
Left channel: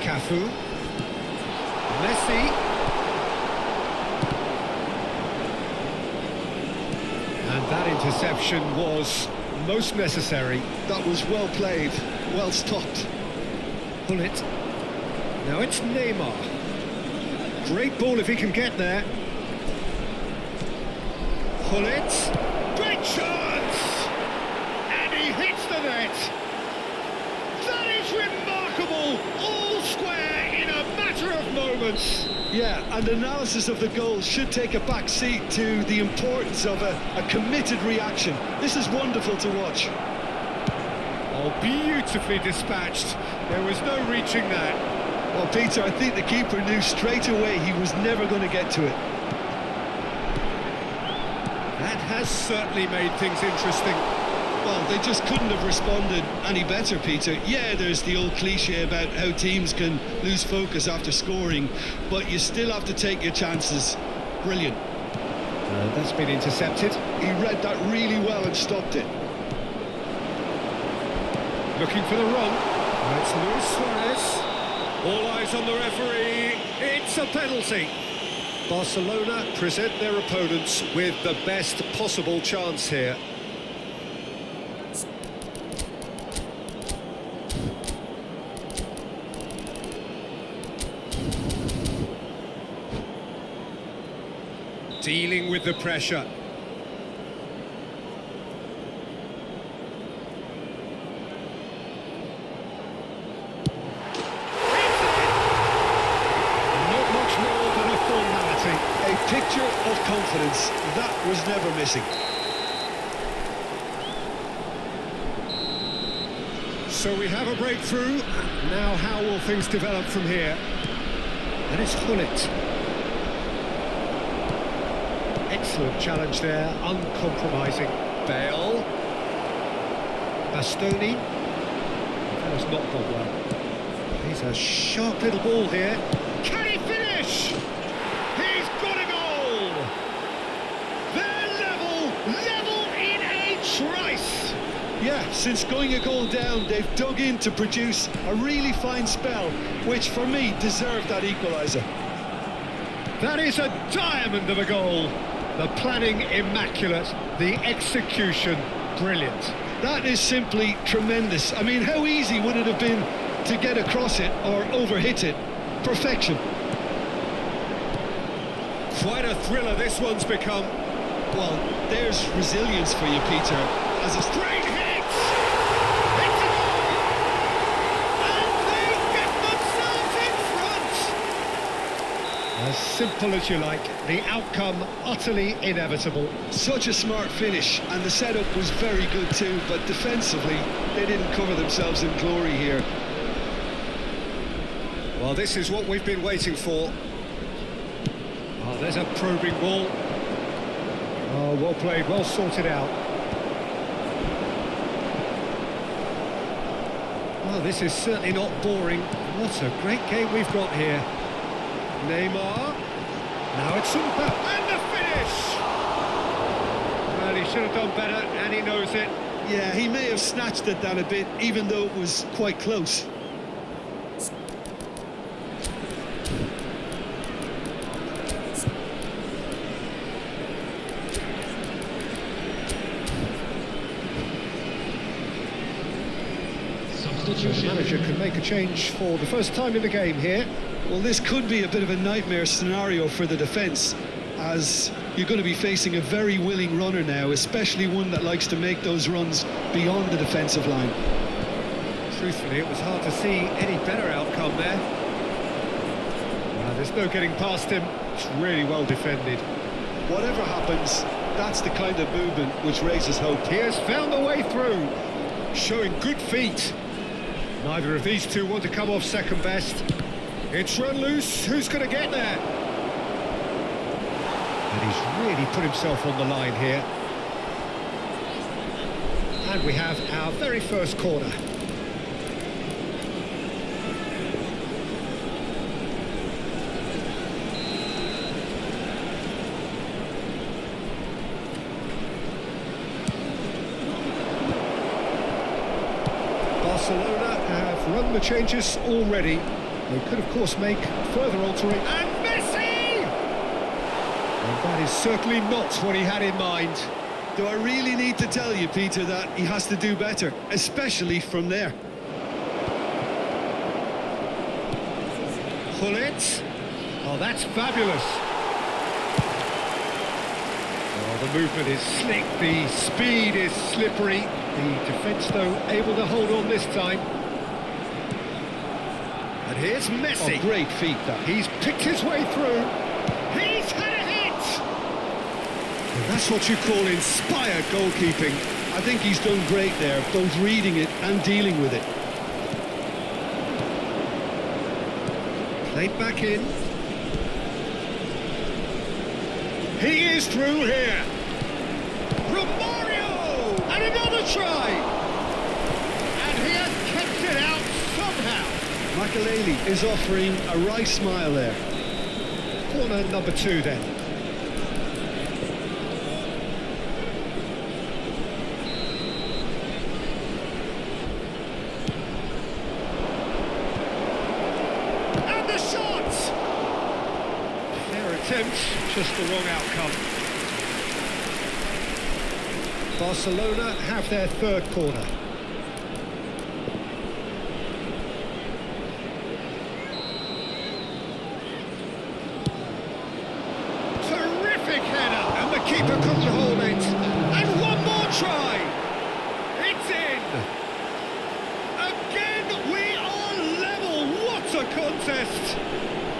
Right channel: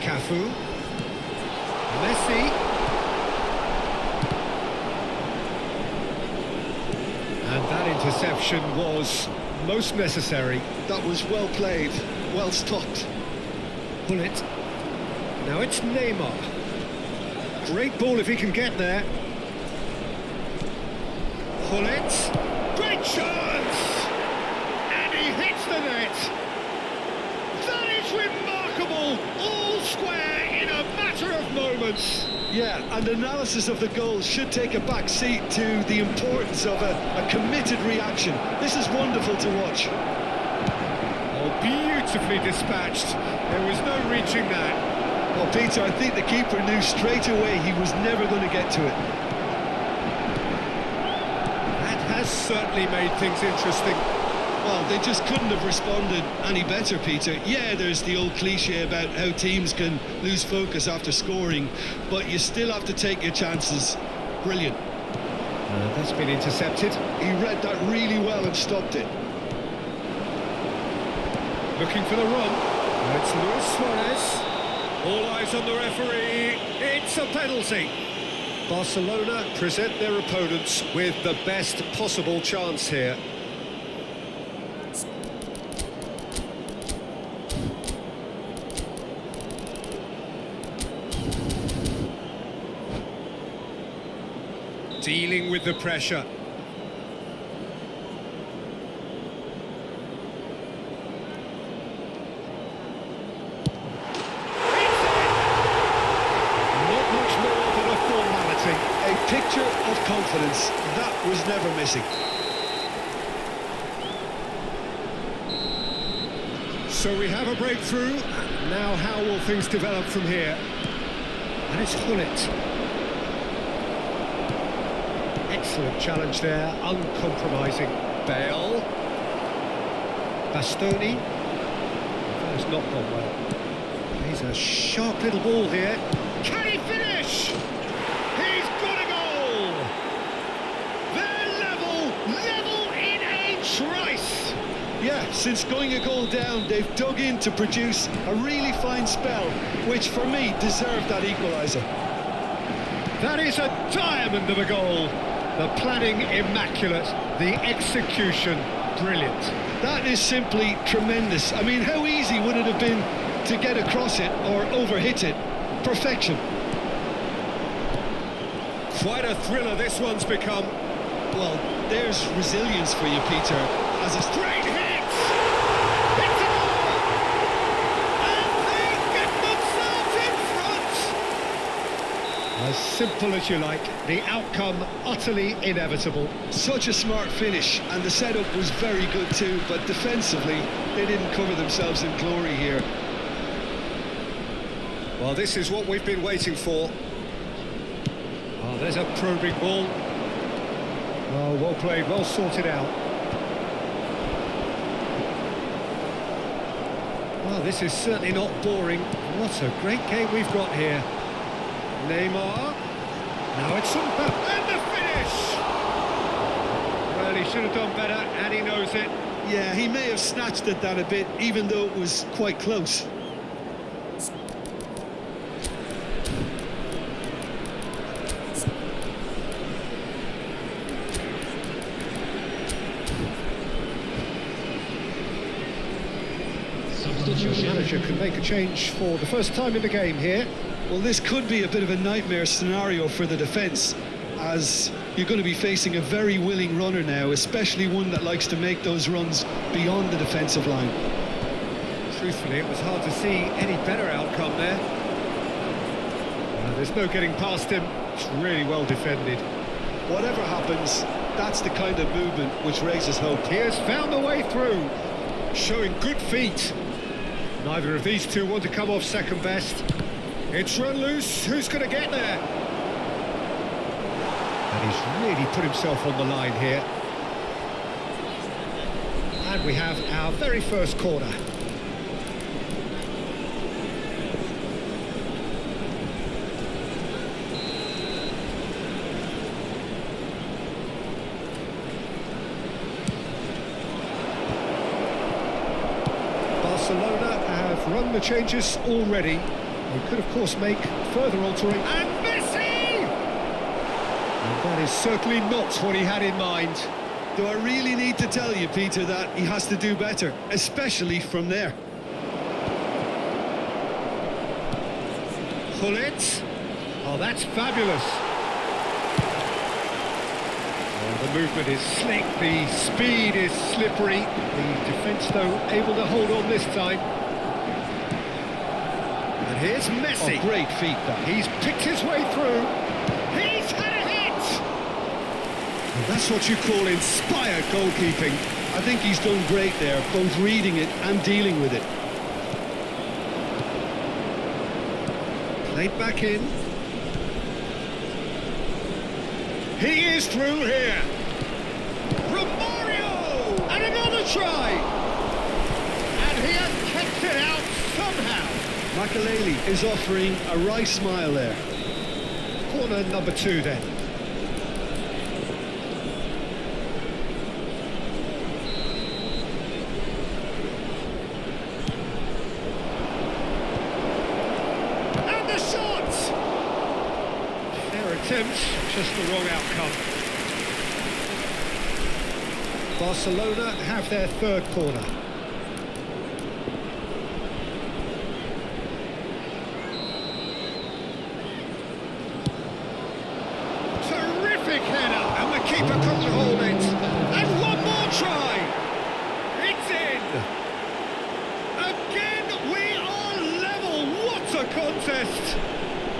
Cafu. Messi. And that interception was most necessary. That was well played, well stopped. Gullit. Now it's Neymar. Great ball if he can get there. Gullit, great chance! And he hits the net! That is remarkable! All square in a matter of moments! Yeah, and analysis of the goal should take a back seat to the importance of a committed reaction. This is wonderful to watch. Oh, beautifully dispatched. There was no reaching that. Well, Peter, I think the keeper knew straight away he was never going to get to it. That has certainly made things interesting. Well, they just couldn't have responded any better, Peter. Yeah, there's the old cliche about how teams can lose focus after scoring, but you still have to take your chances. Brilliant. That's been intercepted. He read that really well and stopped it. Looking for the run. Now it's Luis Suarez. All eyes on the referee. It's a penalty. Barcelona present their opponents with the best possible chance here. Dealing with the pressure. Not much more than a formality. A picture of confidence. That was never missing. So we have a breakthrough. Now how will things develop from here? And it's Gullit. Excellent challenge there, uncompromising. Bale. Bastoni. That has not gone well. He's a sharp little ball here. Can he finish? He's got a goal! They're level in a trice! Yeah, since going a goal down, they've dug in to produce a really fine spell, which for me deserved that equaliser. That is a diamond of a goal. The planning immaculate, the execution brilliant. That is simply tremendous. I mean, how easy would it have been to get across it or overhit it? Perfection. Quite a thriller this one's become. Well, there's resilience for you, Peter. As a straight hit! It's a goal! And they get themselves in front! As simple as you like, the outcome utterly inevitable. Such a smart finish, and the setup was very good too, but defensively, they didn't cover themselves in glory here. Well, this is what we've been waiting for. Oh, there's a probing ball. Oh, well played, well sorted out. Oh, this is certainly not boring. What a great game we've got here. Neymar. Now it's Umpa. And the finish! Well, he should have done better, and he knows it. Yeah, he may have snatched at that a bit, even though it was quite close. So the manager can make a change for the first time in the game here. Well, this could be a bit of a nightmare scenario for the defence, as you're going to be facing a very willing runner now, especially one that likes to make those runs beyond the defensive line. Truthfully, it was hard to see any better outcome there. There's no getting past him. It's really well defended. Whatever happens, that's the kind of movement which raises hope. He has found a way through, showing good feet. Neither of these two want to come off second best. It's run loose. Who's going to get there? And he's really put himself on the line here. And we have our very first corner. Barcelona have run the changes already. They could, of course, make further alterations. And Messi! And that is certainly not what he had in mind. Do I really need to tell you, Peter, that he has to do better, especially from there? Pull it. Oh, that's fabulous. Oh, the movement is slick, the speed is slippery. The defence, though, able to hold on this time. And here's Messi. Oh, great feat, that. He's picked his way through. He's had a hit! And that's what you call inspired goalkeeping. I think he's done great there, both reading it and dealing with it. Played back in. He is through here. Romario! And another try! And he has kept it out somehow. Makaleli is offering a right smile there. Corner number 2 then. And the shot! Fair attempt, just the wrong outcome. Barcelona have their third corner. Terrific header, and the keeper couldn't hold it. And one more try. It's in. Again, we are level. What a contest.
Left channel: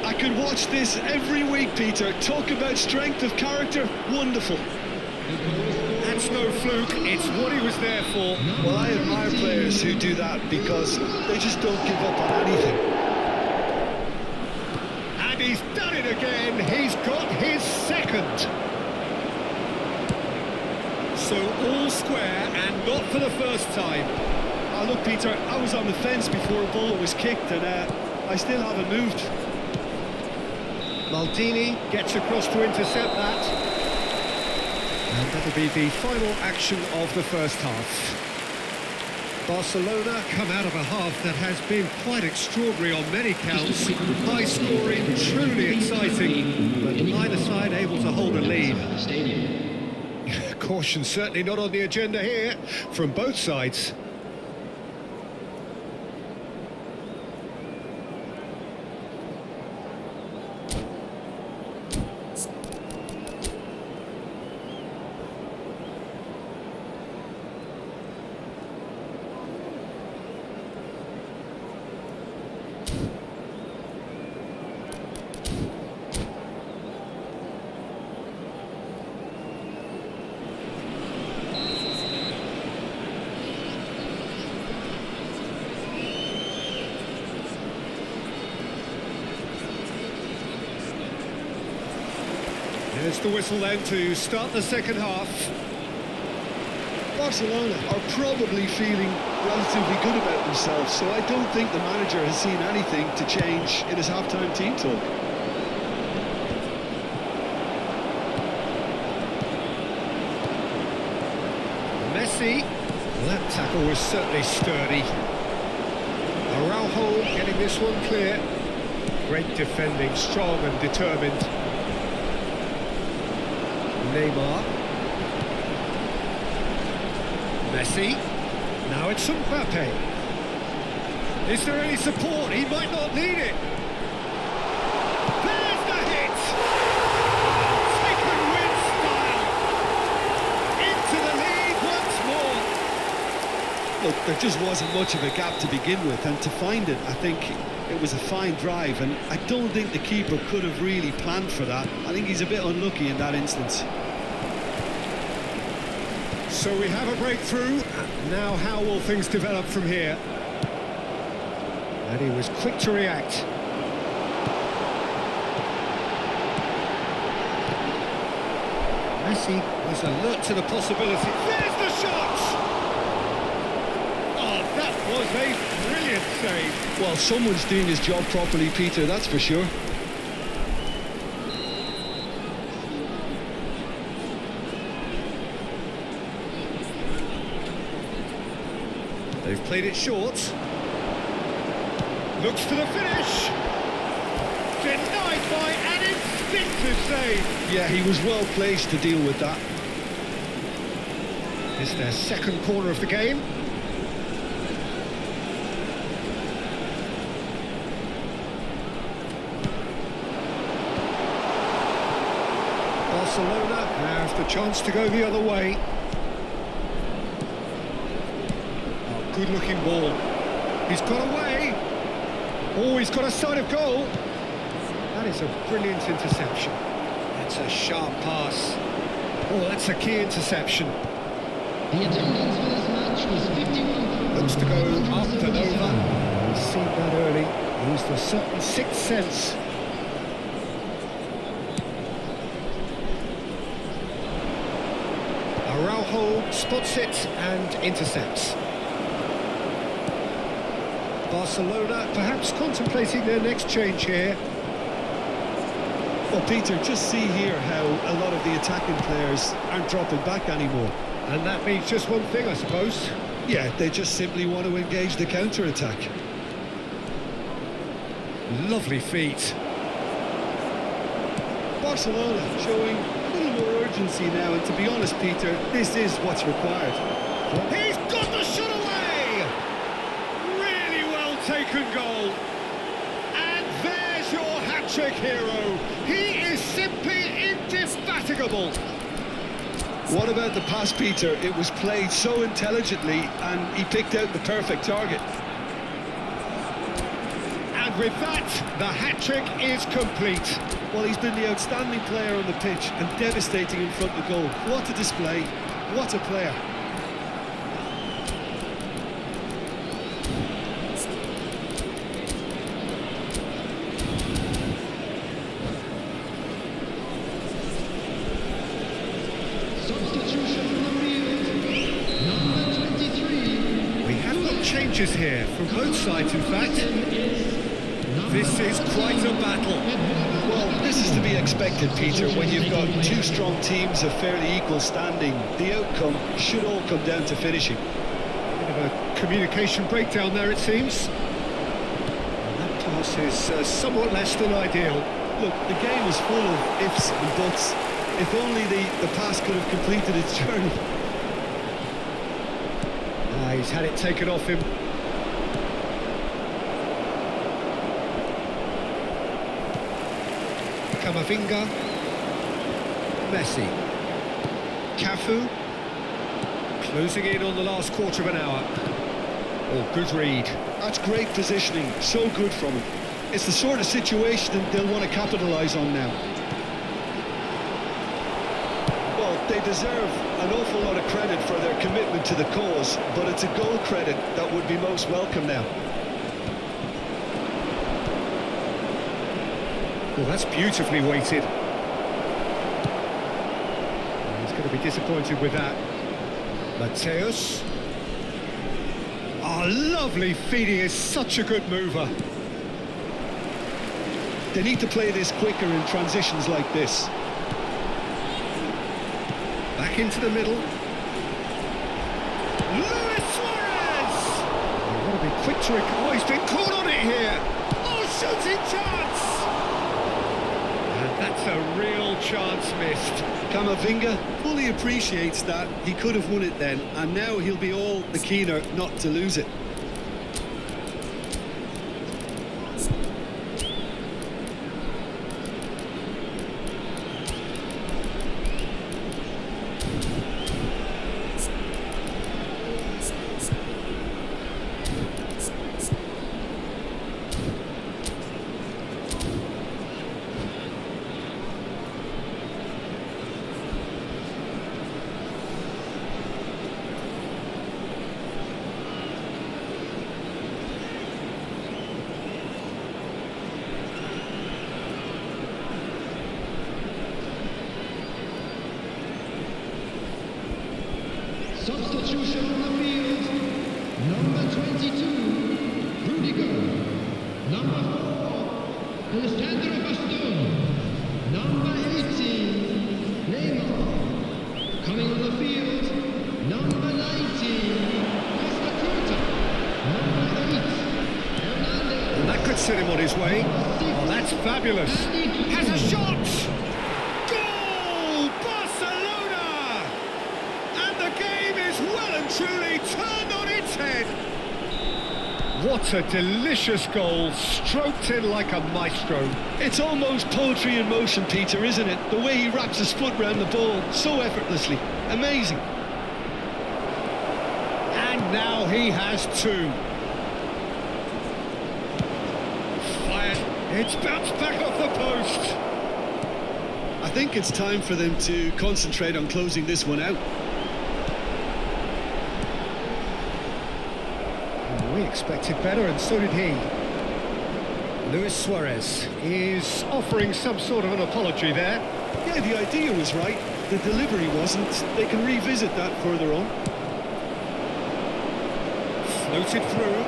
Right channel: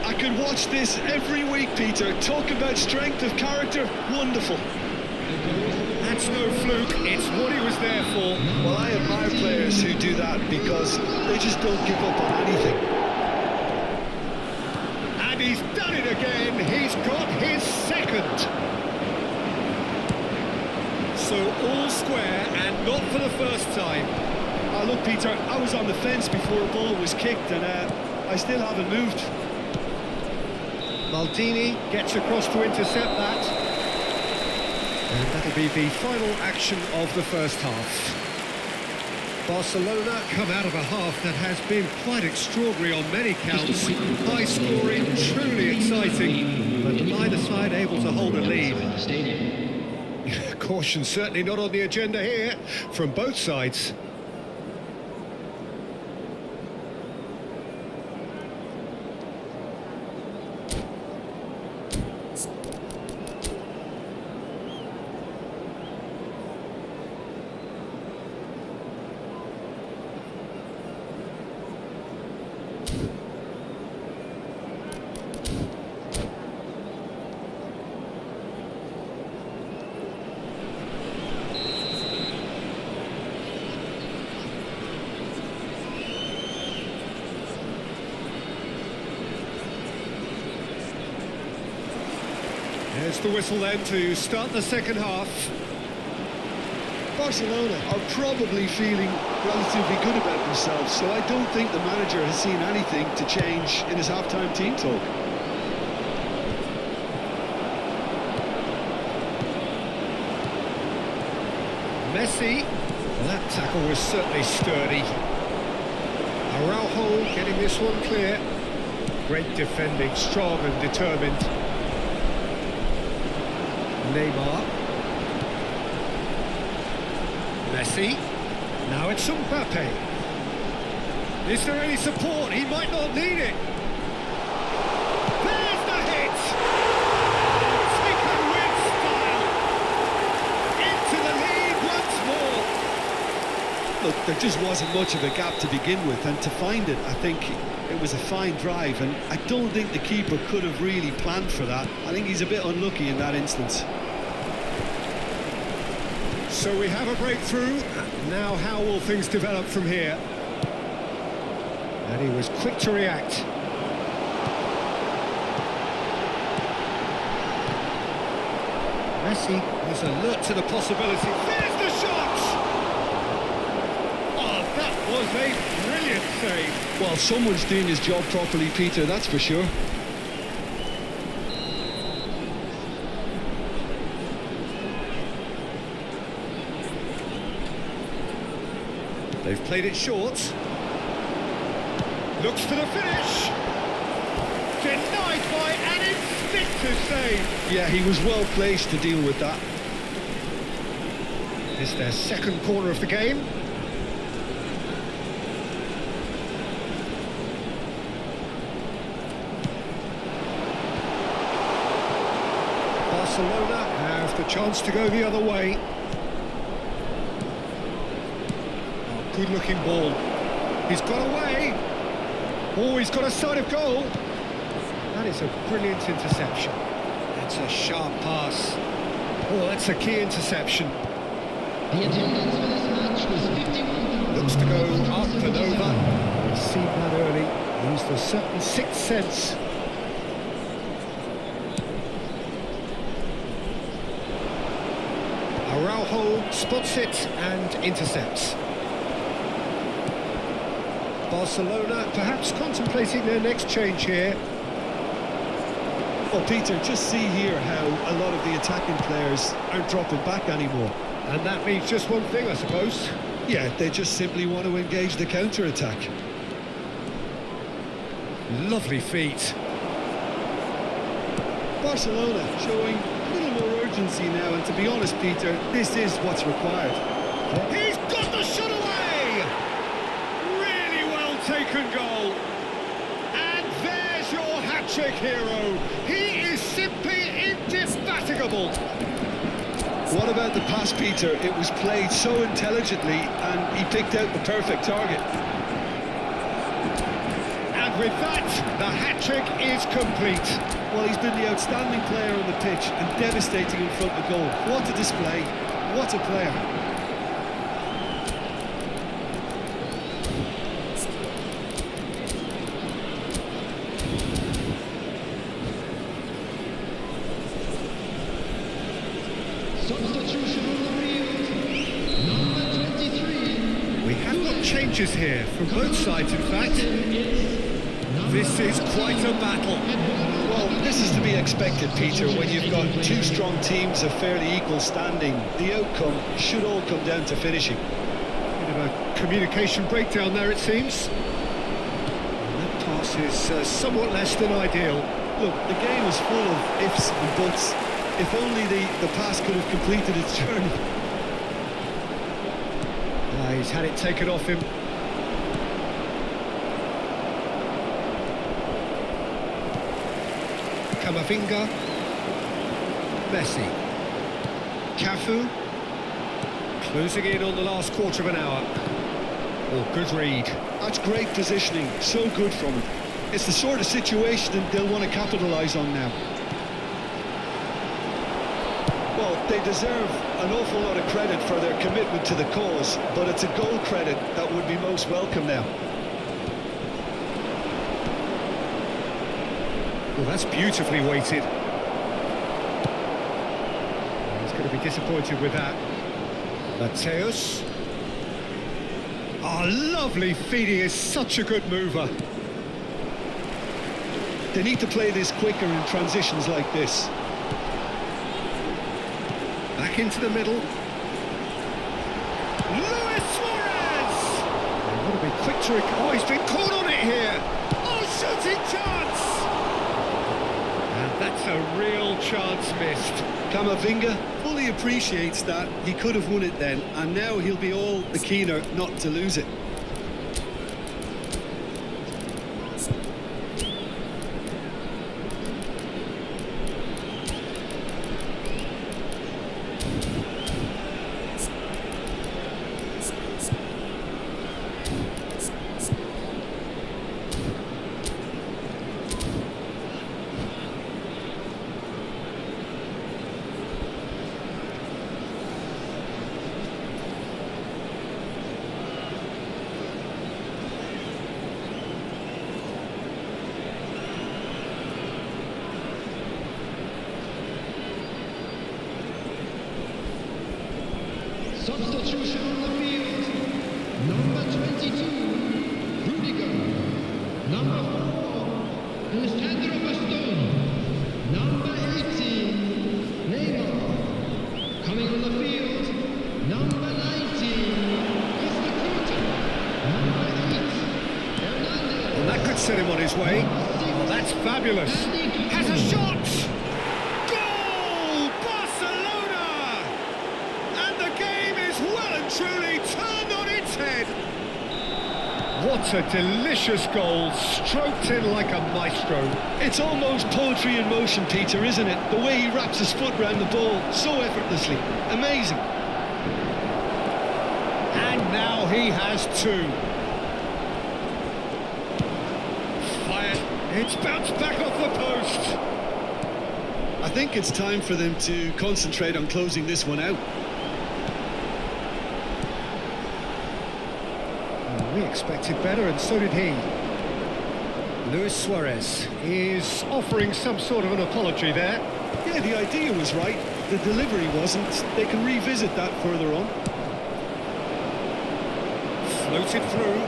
I could watch this every week, Peter. Talk about strength of character. Wonderful. That's no fluke. It's what he was there for. Well, I admire players who do that because they just don't give up on anything. And he's done it again. He's got his second. So all square, and not for the first time. Oh, look, Peter, I was on the fence before a ball was kicked, and I still haven't moved. Maldini gets across to intercept that. And that'll be the final action of the first half. Barcelona come out of a half that has been quite extraordinary on many counts. High scoring, truly exciting, but neither side able to hold a lead. Caution certainly not on the agenda here from both sides. There's the whistle then to start the second half. Barcelona are probably feeling relatively good about themselves, so I don't think the manager has seen anything to change in his half-time team talk. Messi. Well, that tackle was certainly sturdy. Araujo getting this one clear. Great defending, strong and determined. Neymar. Messi. Now it's Mbappe. Is there any support? He might not need it. There's the hit! Oh, taken with style. Into the lead once more. Look, there just wasn't much of a gap to begin with, and to find it, I think it was a fine drive, and I don't think the keeper could have really planned for that. I think he's a bit unlucky in that instance. So we have a breakthrough. Now how will things develop from here? And he was quick to react. Messi was alert to the possibility. There's the shot! Oh, that was a brilliant save. Well, someone's doing his job properly, Peter, that's for sure. They've played it short. Looks for the finish. Denied by an instinctive save. Yeah, he was well placed to deal with that. It's their second corner of the game. Barcelona have the chance to go the other way. Oh, good-looking ball. He's got away. Oh, he's got a side of goal. That is a brilliant interception. That's a sharp pass. Oh, that's a key interception. The attendance for this match was 51,000. Looks to go up and over. Well, he's seen that early. Used a certain sixth sense. Araujo spots it and intercepts. Barcelona perhaps contemplating their next change here. Well, Peter, just see here how a lot of the attacking players aren't dropping back anymore. And that means just one thing, I suppose. Yeah, they just simply want to engage the counter-attack. Lovely feet. Barcelona showing a little more urgency now, and to be honest, Peter, this is what's required. Yeah. He's got the shot away! Really well taken goal. And there's your hat-trick hero. He is simply indefatigable. What about the pass, Peter? It was played so intelligently, and he picked out the perfect target. And with that, the hat-trick is complete. Well, he's been the outstanding player on the pitch and devastating in front of goal. What a display. What a player. Substitution on the field. Number 23. We have got changes here from both sides, in fact. This is quite a battle. Well, this is to be expected, Peter, when you've got two strong teams of fairly equal standing. The outcome should all come down to finishing. Bit of a communication breakdown there, it seems. And that pass is somewhat less than ideal. Look, the game is full of ifs and buts. If only the pass could have completed its journey. He's had it taken off him. Camavinga. Messi. Cafu. Closing in on the last quarter of an hour. Oh, good read. That's great positioning. So good from him. It's the sort of situation they'll want to capitalise on now. Well, they deserve an awful lot of credit for their commitment to the cause, but it's a goal credit that would be most welcome now. Well, that's beautifully weighted. He's going to be disappointed with that. Mateus. Oh, lovely feet. He is such a good mover. They need to play this quicker in transitions like this. Back into the middle. Luis Suarez! They want to be quick to... Oh, he's been caught on it here! Oh, shooting chance! And that's a real chance missed. Camavinga fully appreciates that. He could have won it then, and now he'll be all the keener not to lose it. Substitution on the field. Number 22, Rudiger. Number 4, Alessandro Bastoni. Number 18, Neymar. Coming on the field, number 19, Costa Curta. Number 8, Hernandez. And that could set him on his way. Oh, that's fabulous. Has a shot! Goal! Barcelona! And the game is well and truly turned on its head. What a delicious goal, stroked in like a maestro. It's almost poetry in motion, Peter, isn't it? The way he wraps his foot round the ball so effortlessly. Amazing. And now he has two. Fired. It's bounced back off the post. I think it's time for them to concentrate on closing this one out. Well, we expected better, and so did he. Luis Suarez is offering some sort of an apology there. Yeah, the idea was right. The delivery wasn't. They can revisit that further on. Floated through.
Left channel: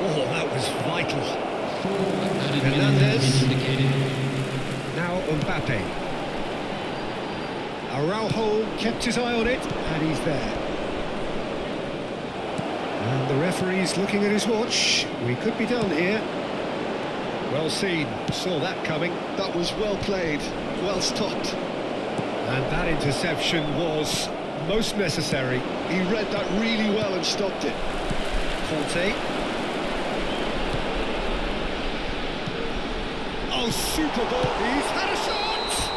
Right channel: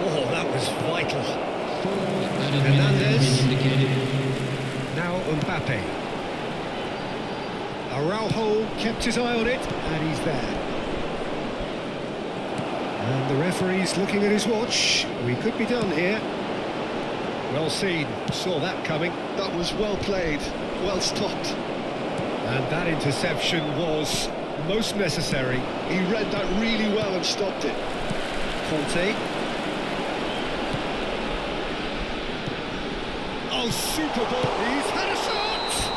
Oh, that was vital. 4 added minutes have Hernandez. been indicated. Now Mbappe. Araujo kept his eye on it, and he's there. And the referee's looking at his watch. We could be done here. Well seen, saw that coming. That was well played, well stopped. And that interception was most necessary. He read that really well and stopped it. Conte. Oh, super ball. He's had a shot!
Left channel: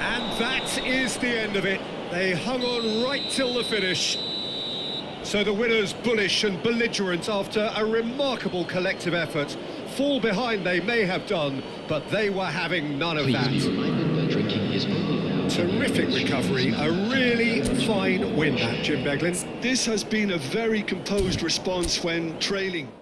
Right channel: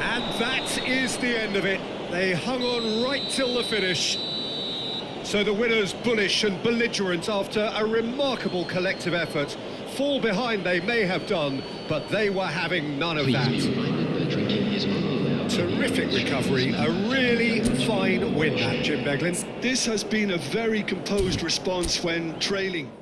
And that is the end of it. They hung on right till the finish. So the winners bullish and belligerent after a remarkable collective effort. Fall behind they may have done, but they were having none of that. Please be reminded that drinking is only allowed. Terrific recovery, a really fine win that, Jim Beglin. This has been a very composed response when trailing.